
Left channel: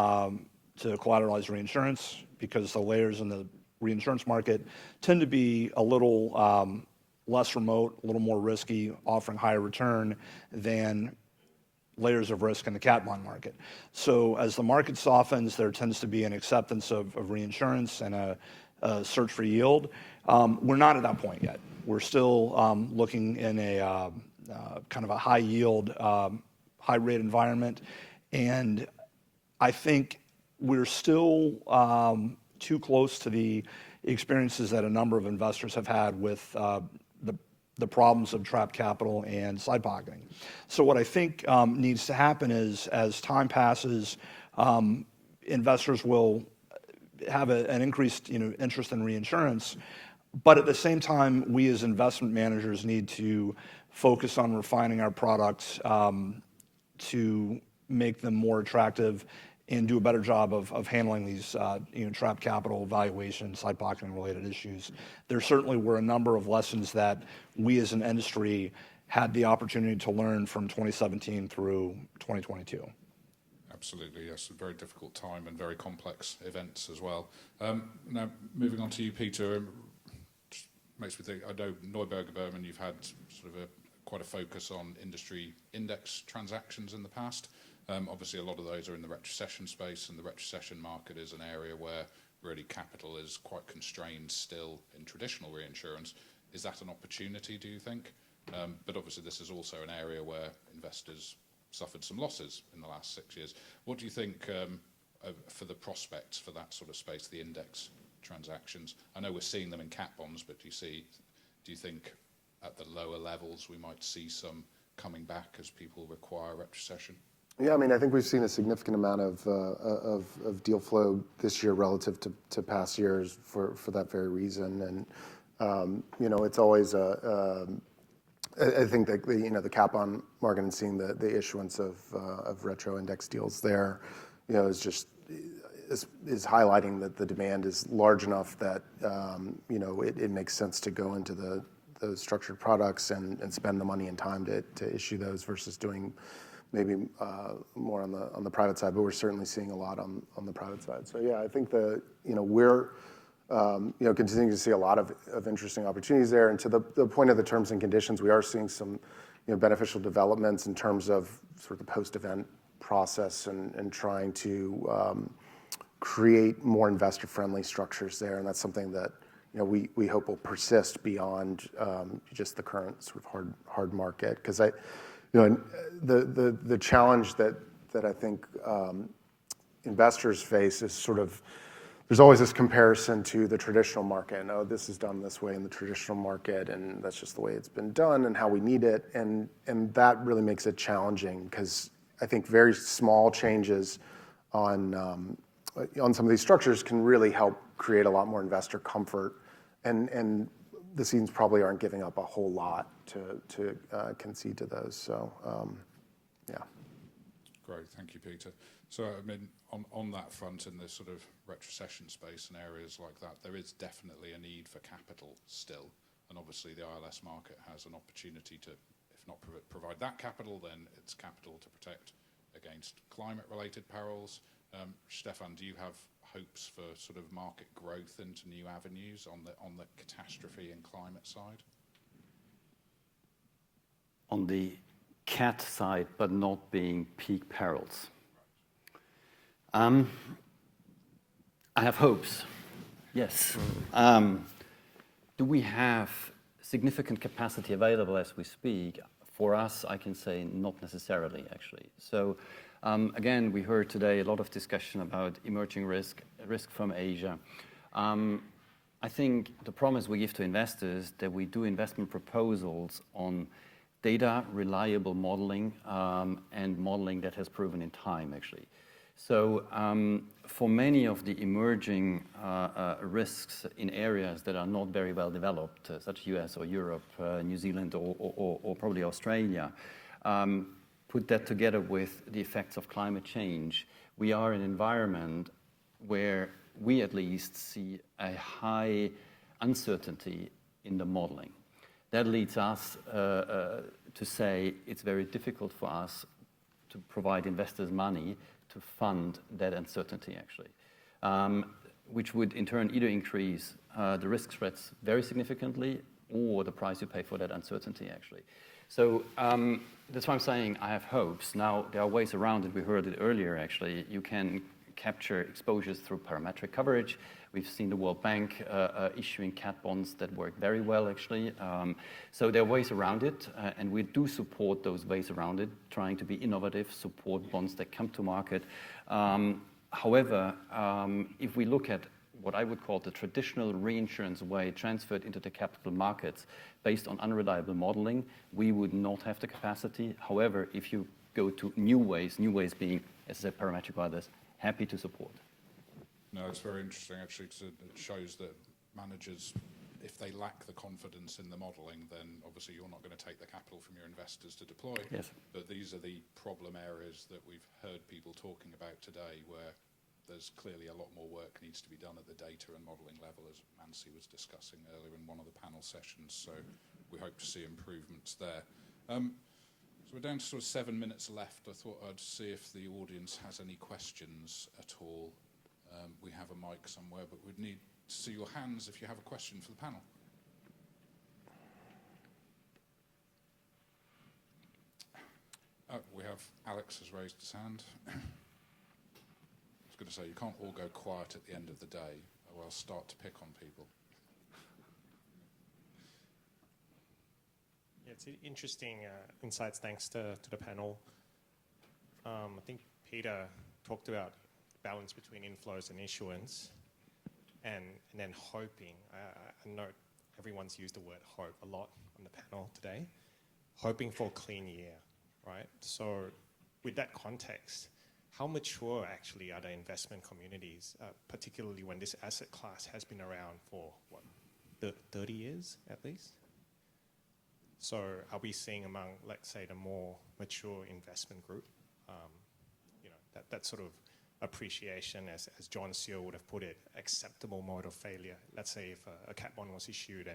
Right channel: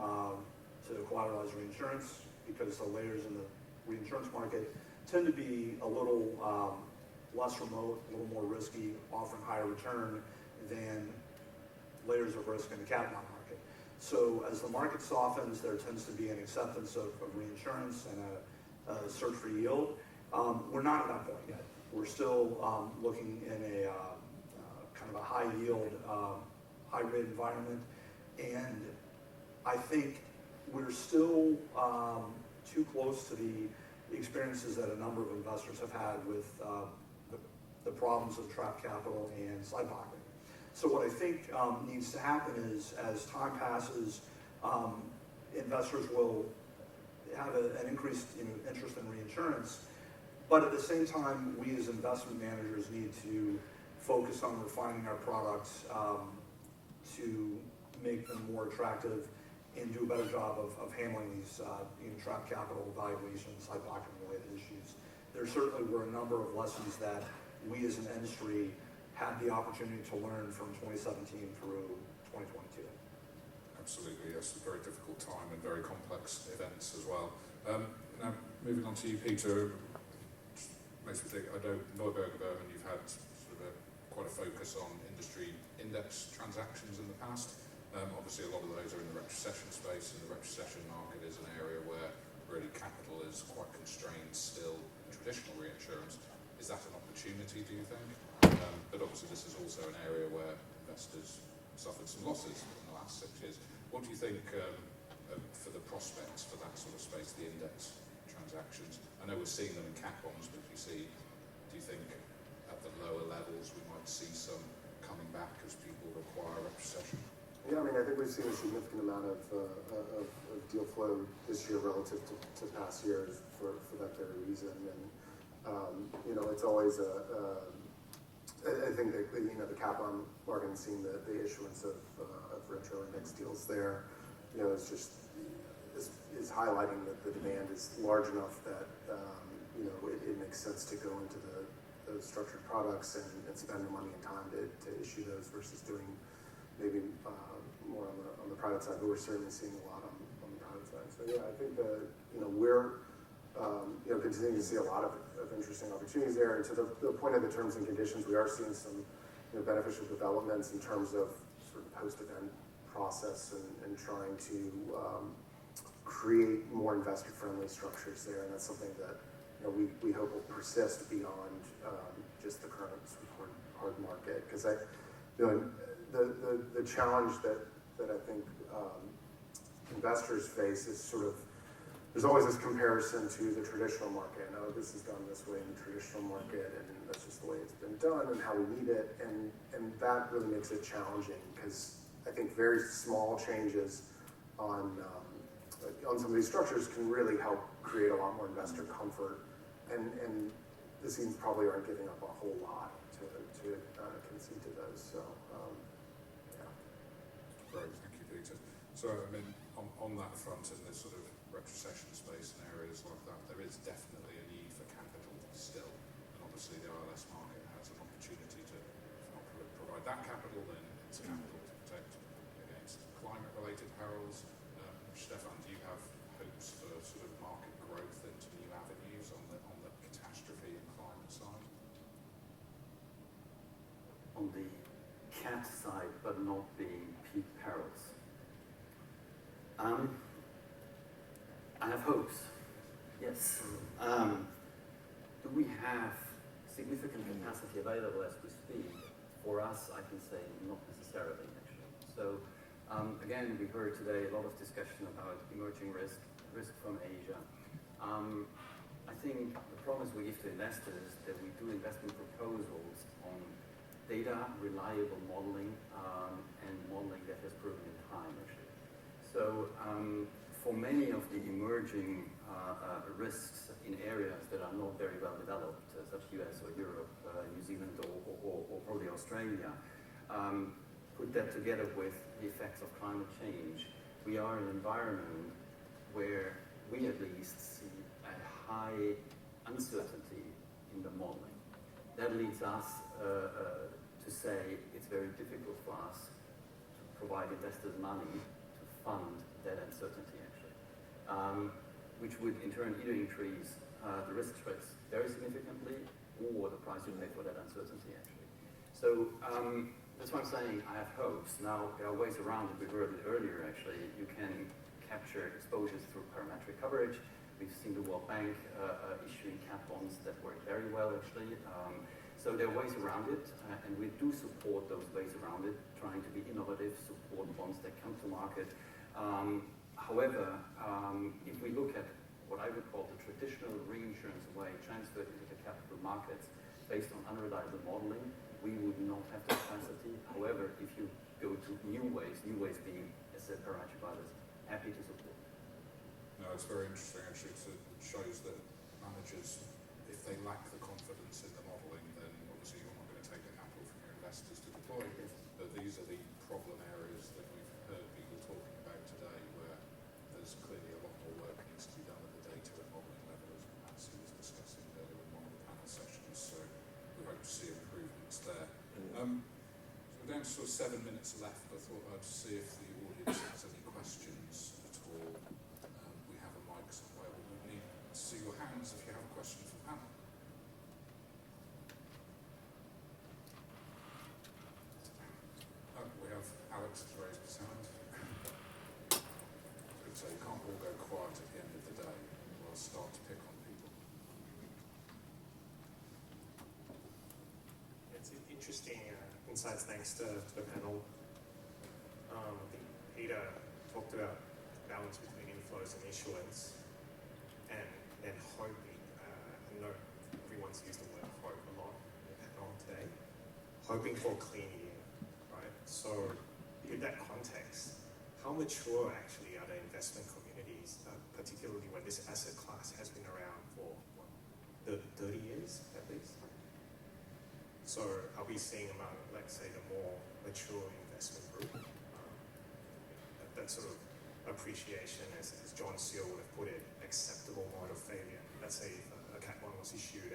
to collateralized reinsurance, because the layers in the reinsurance market tend to be a little less remote, a little more risky, offering higher return than layers of risk in the cat bond market. So as the market softens, there tends to be an acceptance of reinsurance and a search for yield. We're not at that point yet. We're still looking in a kind of a high yield, high rate environment. And I think we're still too close to the experiences that a number of investors have had with the problems of trapped capital and side pocketing. So what I think needs to happen is, as time passes, investors will have an increased interest in reinsurance, but at the same time, we as investment managers need to focus on refining our products to make them more attractive and do a better job of handling these trapped capital, valuation, side pocketing related issues. There certainly were a number of lessons that we as an industry had the opportunity to learn from 2017 through 2022. Absolutely, yes, a very difficult time and very complex events as well. Now, moving on to you, Peter, makes me think, I know Neuberger, Berman, you've had sort of quite a focus on industry index transactions in the past. Obviously, a lot of those are in the retrocession space, and the retrocession market is an area where really capital is quite constrained still in traditional reinsurance. Is that an opportunity, do you think? But obviously, this is also an area where investors suffered some losses in the last 6 years. What do you think for the prospects for that sort of space, the index transactions? I know we're seeing them in cat bonds, but do you think at the lower levels we might see some coming back as people require retrocession? Yeah, I mean, I think we've seen a significant amount of deal flow this year relative to past years for that very reason. And it's always I think that the cat bond market and seeing the issuance of retro index deals there, is highlighting that the demand is large enough that it makes sense to go into those structured products and spend the money and time to issue those versus doing maybe more on the private side. But we're certainly seeing a lot on the private side. So yeah, I think we're continuing to see a lot of interesting opportunities there. And to the point of the terms and conditions, we are seeing some beneficial developments in terms of sort of the post-event process and trying to create more investor-friendly structures there. And that's something that we hope will persist beyond just the current sort of hard market. Because the challenge that I think investors face is sort of, there's always this comparison to the traditional market. Oh, this is done this way in the traditional market, and that's just the way it's been done and how we need it. And that really makes it challenging, because I think very small changes on some of these structures can really help create a lot more investor comfort. And the teams probably aren't giving up a whole lot to concede to those. So, yeah. Great, thank you, Peter. So, I mean, on that front, in this sort of retrocession space and areas like that, there is definitely a need for capital still. And obviously, the ILS market has an opportunity to, if not provide that capital, then it's capital to protect against climate-related perils. Stephan, do you have hopes for sort of market growth into new avenues on the catastrophe and climate side? On the cat side, but not being peak perils. I have hopes, yes. Do we have significant capacity available as we speak? For us, I can say not necessarily, actually. So again, we heard today a lot of discussion about emerging risk from Asia. I think the promise we give to investors that we do investment proposals on data, reliable modeling, and modeling that has proven in time, actually. So for many of the emerging risks in areas that are not very well developed, such as US or Europe, New Zealand, or probably Australia, put that together with the effects of climate change, we are in an environment where we at least see a high uncertainty in the modeling. That leads us to say it's very difficult for us to provide investors money to fund that uncertainty, actually, which would in turn either increase the risk spreads very significantly or the price you pay for that uncertainty, actually. So that's why I'm saying I have hopes. Now, there are ways around it. We heard it earlier, actually. You can capture exposures through parametric coverage. We've seen the World Bank issuing cat bonds that work very well, actually. So there are ways around it, and we do support those ways around it, trying to be innovative, support bonds that come to market. However, if we look at what I would call the traditional reinsurance way transferred into the capital markets based on unreliable modeling, we would not have the capacity. However, if you go to new ways being, as I said, parametric or others, happy to support. No, it's very interesting, actually, because it shows that managers, if they lack the confidence in the modelling, then obviously you're not going to take the capital from your investors to deploy. Yes. But these are the problem areas that we've heard people talking about today, where there's clearly a lot more work needs to be done at the data and modelling level, as Nancy was discussing earlier in one of the panel sessions. So we hope to see improvements there. So we're down to sort of 7 minutes left. I thought I'd see if the audience has any questions at all. We have a mic somewhere, but we'd need to see your hands if you have a question for the panel. We have Alex has raised his hand. I was going to say, you can't all go quiet at the end of the day, or I'll start to pick on people. It's interesting insights, thanks to the panel. I think Peter talked about balance between inflows and issuance, and then hoping. I know everyone's used the word hope a lot in the panel today. Hoping for a clean year, right? So, with that context, how mature actually are the investment communities, particularly when this asset class has been around for what, 30 years at least? So, are we seeing among, let's say, the more mature investment group, that sort of appreciation, as John Searle would have put it, acceptable mode of failure? Let's say if a cat bond was issued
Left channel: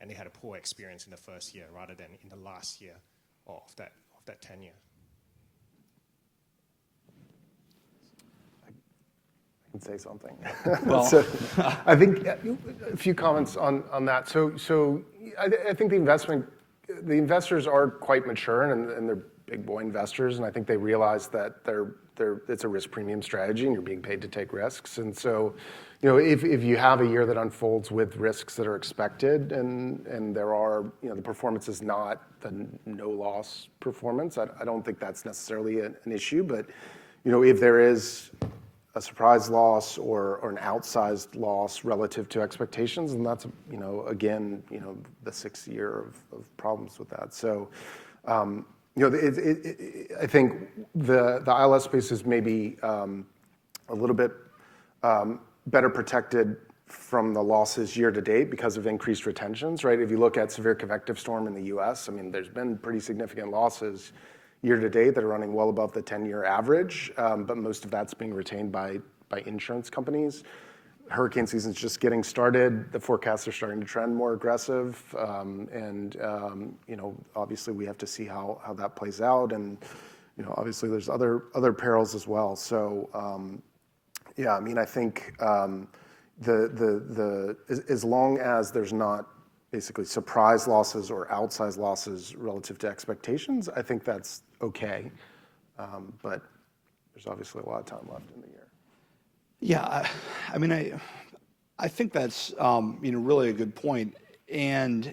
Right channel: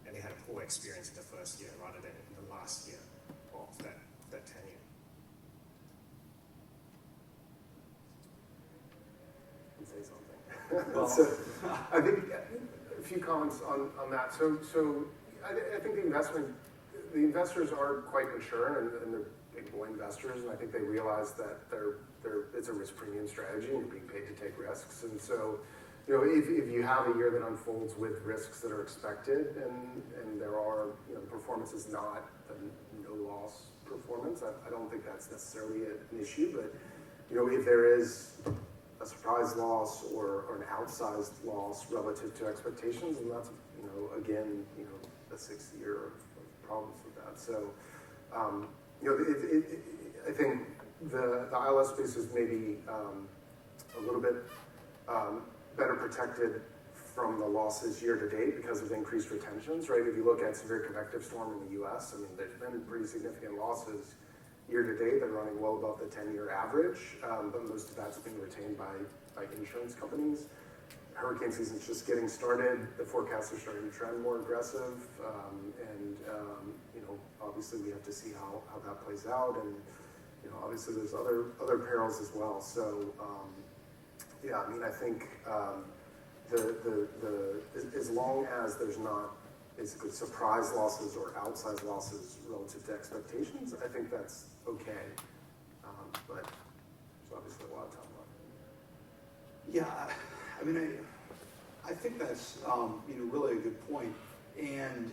and they had a poor experience in the first year rather than in the last year of that tenure. I can say something. Well, so, I think a few comments on that. So I think the investors are quite mature and they're big boy investors, and I think they realize that it's a risk premium strategy and you're being paid to take risks. And so, if you have a year that unfolds with risks that are expected and there are, the performance is not the no loss performance, I don't think that's necessarily an issue. But, if there is a surprise loss or an outsized loss relative to expectations, and that's, again, the 6th year of problems with that. So, I think the ILS space is maybe a little bit better protected from the losses year to date because of increased retentions, right? If you look at severe convective storm in the US, there's been pretty significant losses year to date that are running well above the 10-year average, but most of that's being retained by insurance companies. hurricane season's just getting started. The forecasts are starting to trend more aggressive, and obviously we have to see how that plays out. And obviously there's other perils as well. So yeah, I mean, I think as long as there's not basically surprise losses or outsized losses relative to expectations, I think that's okay. But there's obviously a lot of time left in the year. Yeah, I mean, I think that's really a good point, and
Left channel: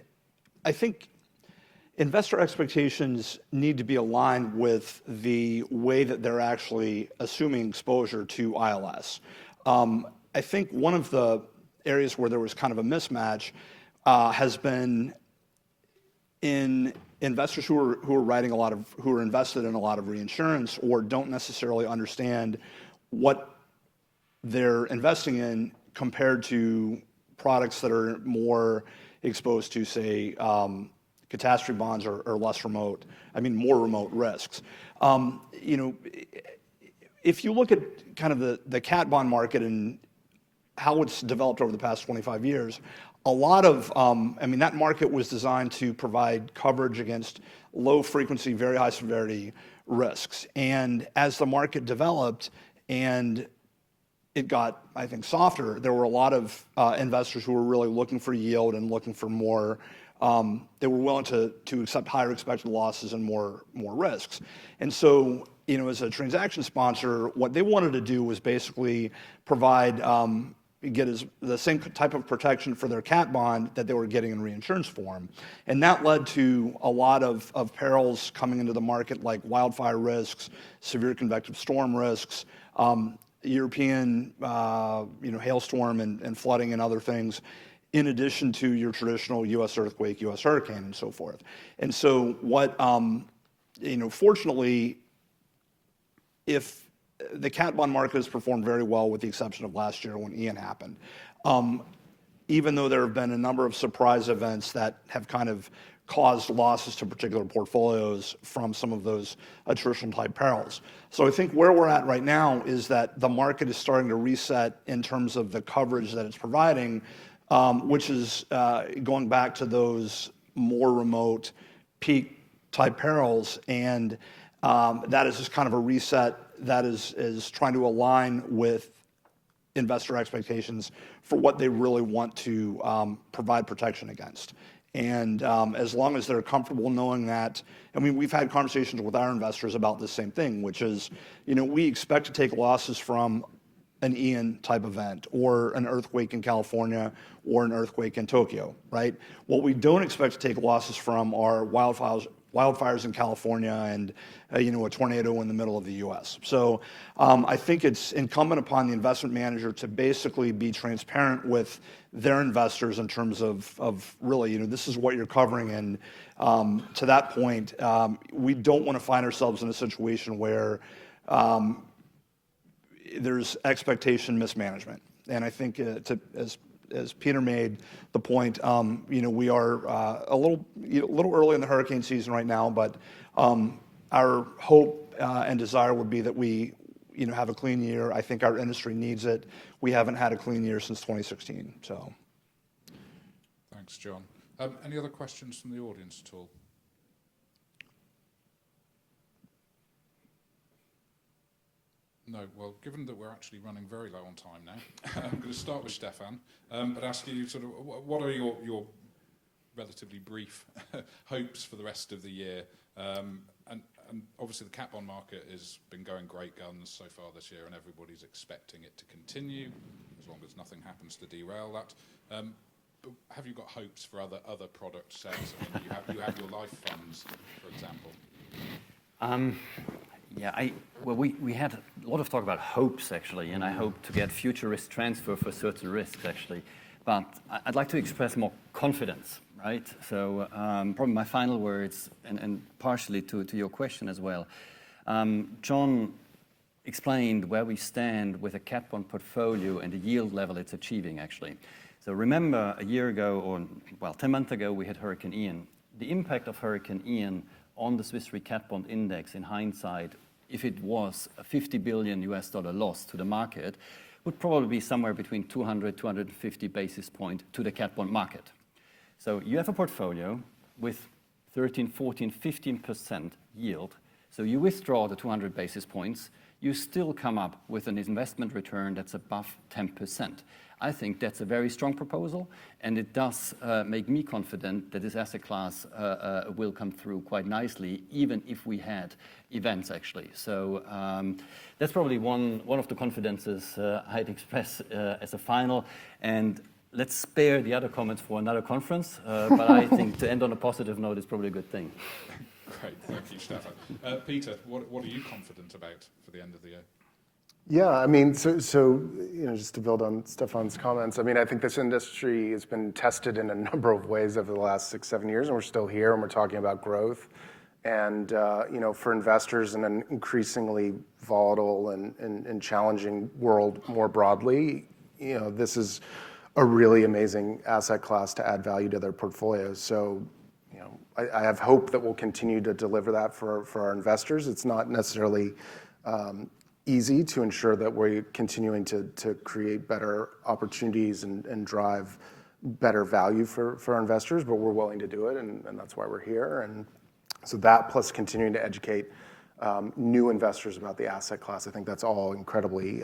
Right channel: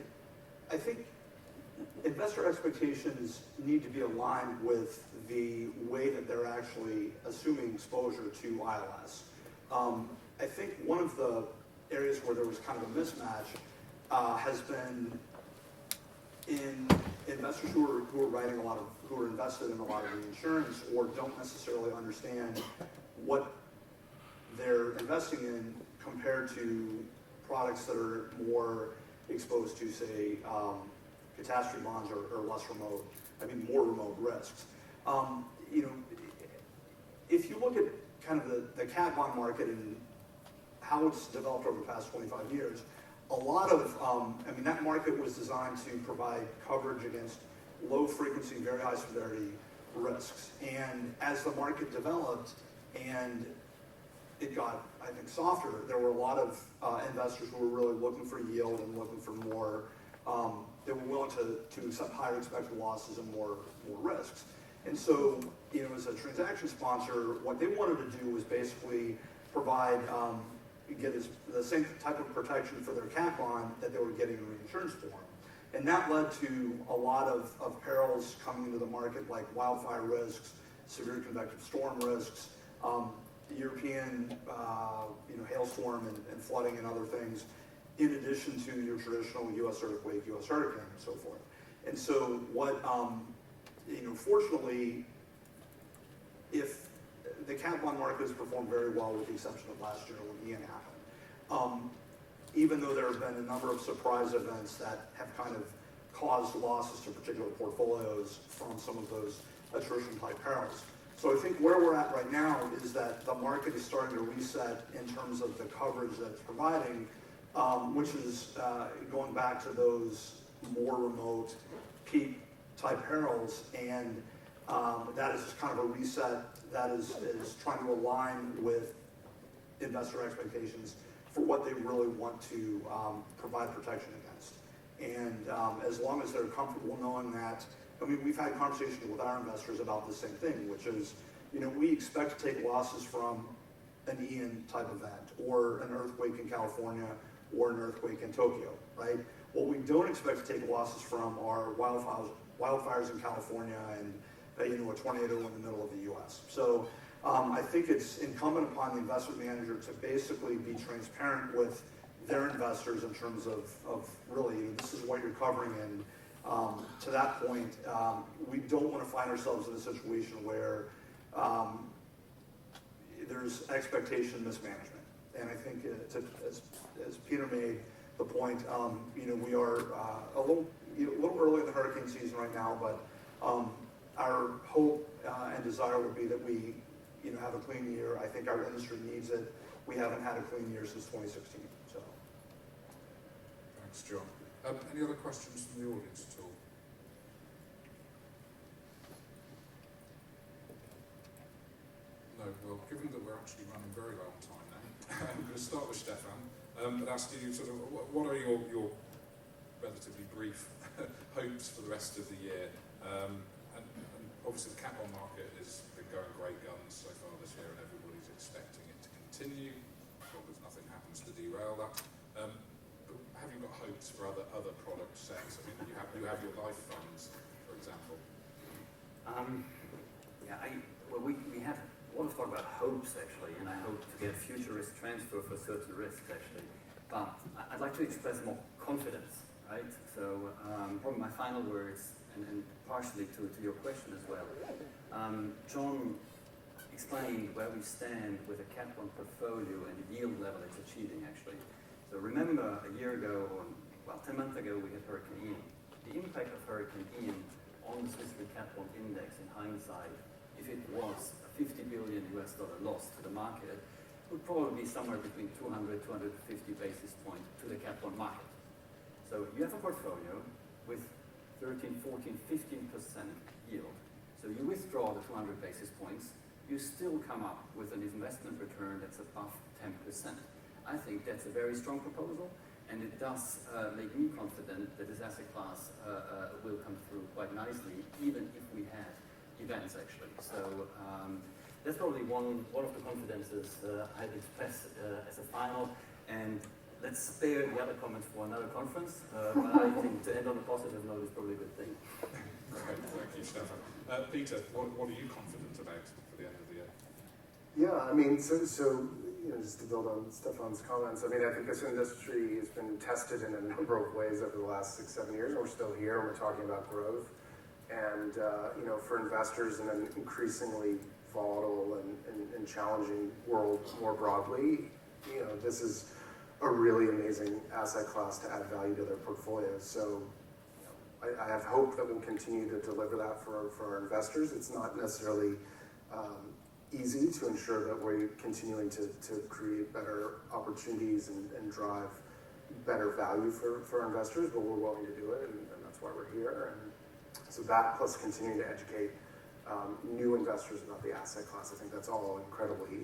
I think investor expectations need to be aligned with the way that they're actually assuming exposure to ILS. I think one of the areas where there was kind of a mismatch has been in investors who are invested in a lot of reinsurance or don't necessarily understand what they're investing in compared to products that are more exposed to, say, catastrophe bonds or more remote risks. If you look at kind of the cat bond market and how it's developed over the past 25 years, a lot of, that market was designed to provide coverage against low frequency, very high severity risks. And as the market developed and it got, I think, softer, there were a lot of investors who were really looking for yield and looking for more, they were willing to accept higher expected losses and more risks. And so, as a transaction sponsor, what they wanted to do was basically provide, the same type of protection for their cat bond that they were getting in reinsurance form. And that led to a lot of perils coming into the market, like wildfire risks, severe convective storm risks, European hailstorm and flooding and other things, in addition to your traditional U.S. earthquake, U.S. hurricane, and so forth. And so what, fortunately, if the cat bond market has performed very well with the exception of last year when Ian happened, even though there have been a number of surprise events that have kind of caused losses to particular portfolios from some of those attrition type perils. So I think where we're at right now is that the market is starting to reset in terms of the coverage that it's providing, which is going back to those more remote peak type perils, and that is just kind of a reset that is trying to align with investor expectations for what they really want to provide protection against. And as long as they're comfortable knowing that, we've had conversations with our investors about the same thing, which is, we expect to take losses from an Ian type event or an earthquake in California or an earthquake in Tokyo, right? What we don't expect to take losses from are wildfires in California and a tornado in the middle of the U.S. So I think it's incumbent upon the investment manager to basically be transparent with their investors in terms of really, this is what you're covering. And to that point, we don't want to find ourselves in a situation where there's expectation mismanagement. And I think as Peter made the point, we are a little early in the hurricane season right now, but our hope and desire would be that we have a clean year. I think our industry needs it. We haven't had a clean year since 2016. So. Thanks, John. Any other questions from the audience at all? No. Well, given that we're actually running very low on time now, I'm going to start with Stephan and ask you sort of what are your relatively brief hopes for the rest of the year? And obviously the cat bond market has been going great guns so far this year, and everybody's expecting it to continue, as long as nothing happens to derail that. But have you got hopes for other product sets? You have your life funds, for example. We had a lot of talk about hopes, actually, and I hope to get future risk transfer for certain risks, actually. But I'd like to express more confidence, right? So probably my final words, and partially to your question as well. John explained where we stand with a cat bond portfolio and the yield level it's achieving, actually. So remember a year ago, 10 months ago, we had Hurricane Ian. The impact of Hurricane Ian on the Swiss Re cat bond index, in hindsight, if it was a $50 billion loss to the market, would probably be somewhere between 200, 250 basis points to the cat bond market. So you have a portfolio with 13, 14, 15% yield. So you withdraw the 200 basis points, you still come up with an investment return that's above 10%. I think that's a very strong proposal, and it does make me confident that this asset class will come through quite nicely, even if we had events, actually. So that's probably one of the confidences I'd express as a final. And let's spare the other comments for another conference, but I think to end on a positive note is probably a good thing. Okay, thank you, Stephan. Peter, what are you confident about for the end of the year? Yeah, I mean, so you know, just to build on Stephan's comments, I mean, I think this industry has been tested in a number of ways over the last 6-7 years, and we're still here, and we're talking about growth. And you know, for investors in an increasingly volatile and challenging world more broadly, you know, this is a really amazing asset class to add value to their portfolios. So, you know, I have hope that we'll continue to deliver that for our investors. It's not necessarily easy to ensure that we're continuing to create better opportunities and drive better value for our investors, but we're willing to do it, and that's why we're here. And so that plus continuing to educate new investors about the asset class, I think that's all incredibly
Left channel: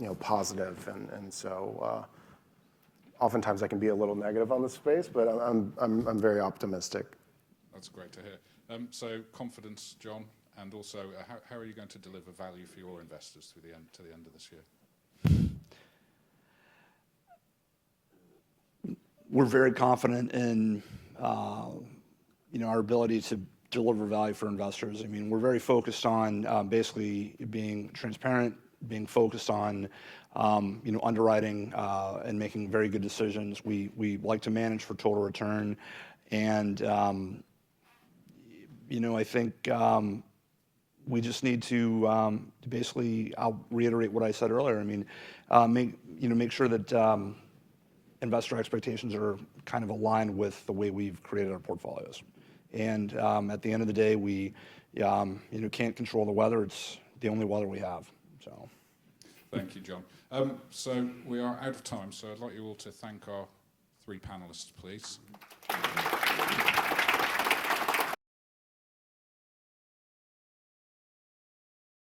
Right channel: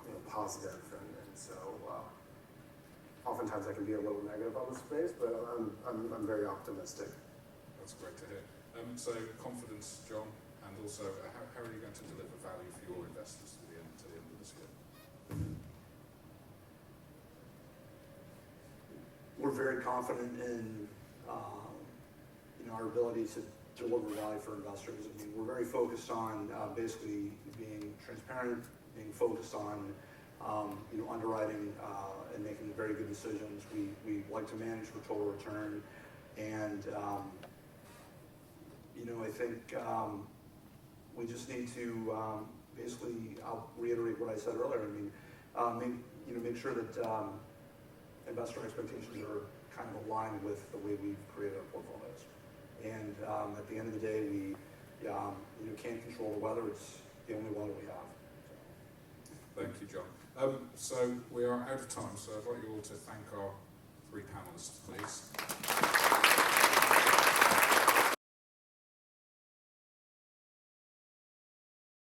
you know, positive. And so oftentimes I can be a little negative on the space, but I'm very optimistic. That's great to hear. So confidence, John, and also how are you going to deliver value for your investors to the end of this year? We're very confident in you know, our ability to deliver value for investors. I mean, we're very focused on basically being transparent, being focused on you know, underwriting and making very good decisions. We like to manage for total return, and you know, I think we just need to basically, I'll reiterate what I said earlier. I mean, make sure that investor expectations are kind of aligned with the way we've created our portfolios. And at the end of the day, we you know, can't control the weather. It's the only weather we have. So. Thank you, John. So we are out of time, so I'd like you all to thank our three panelists, please.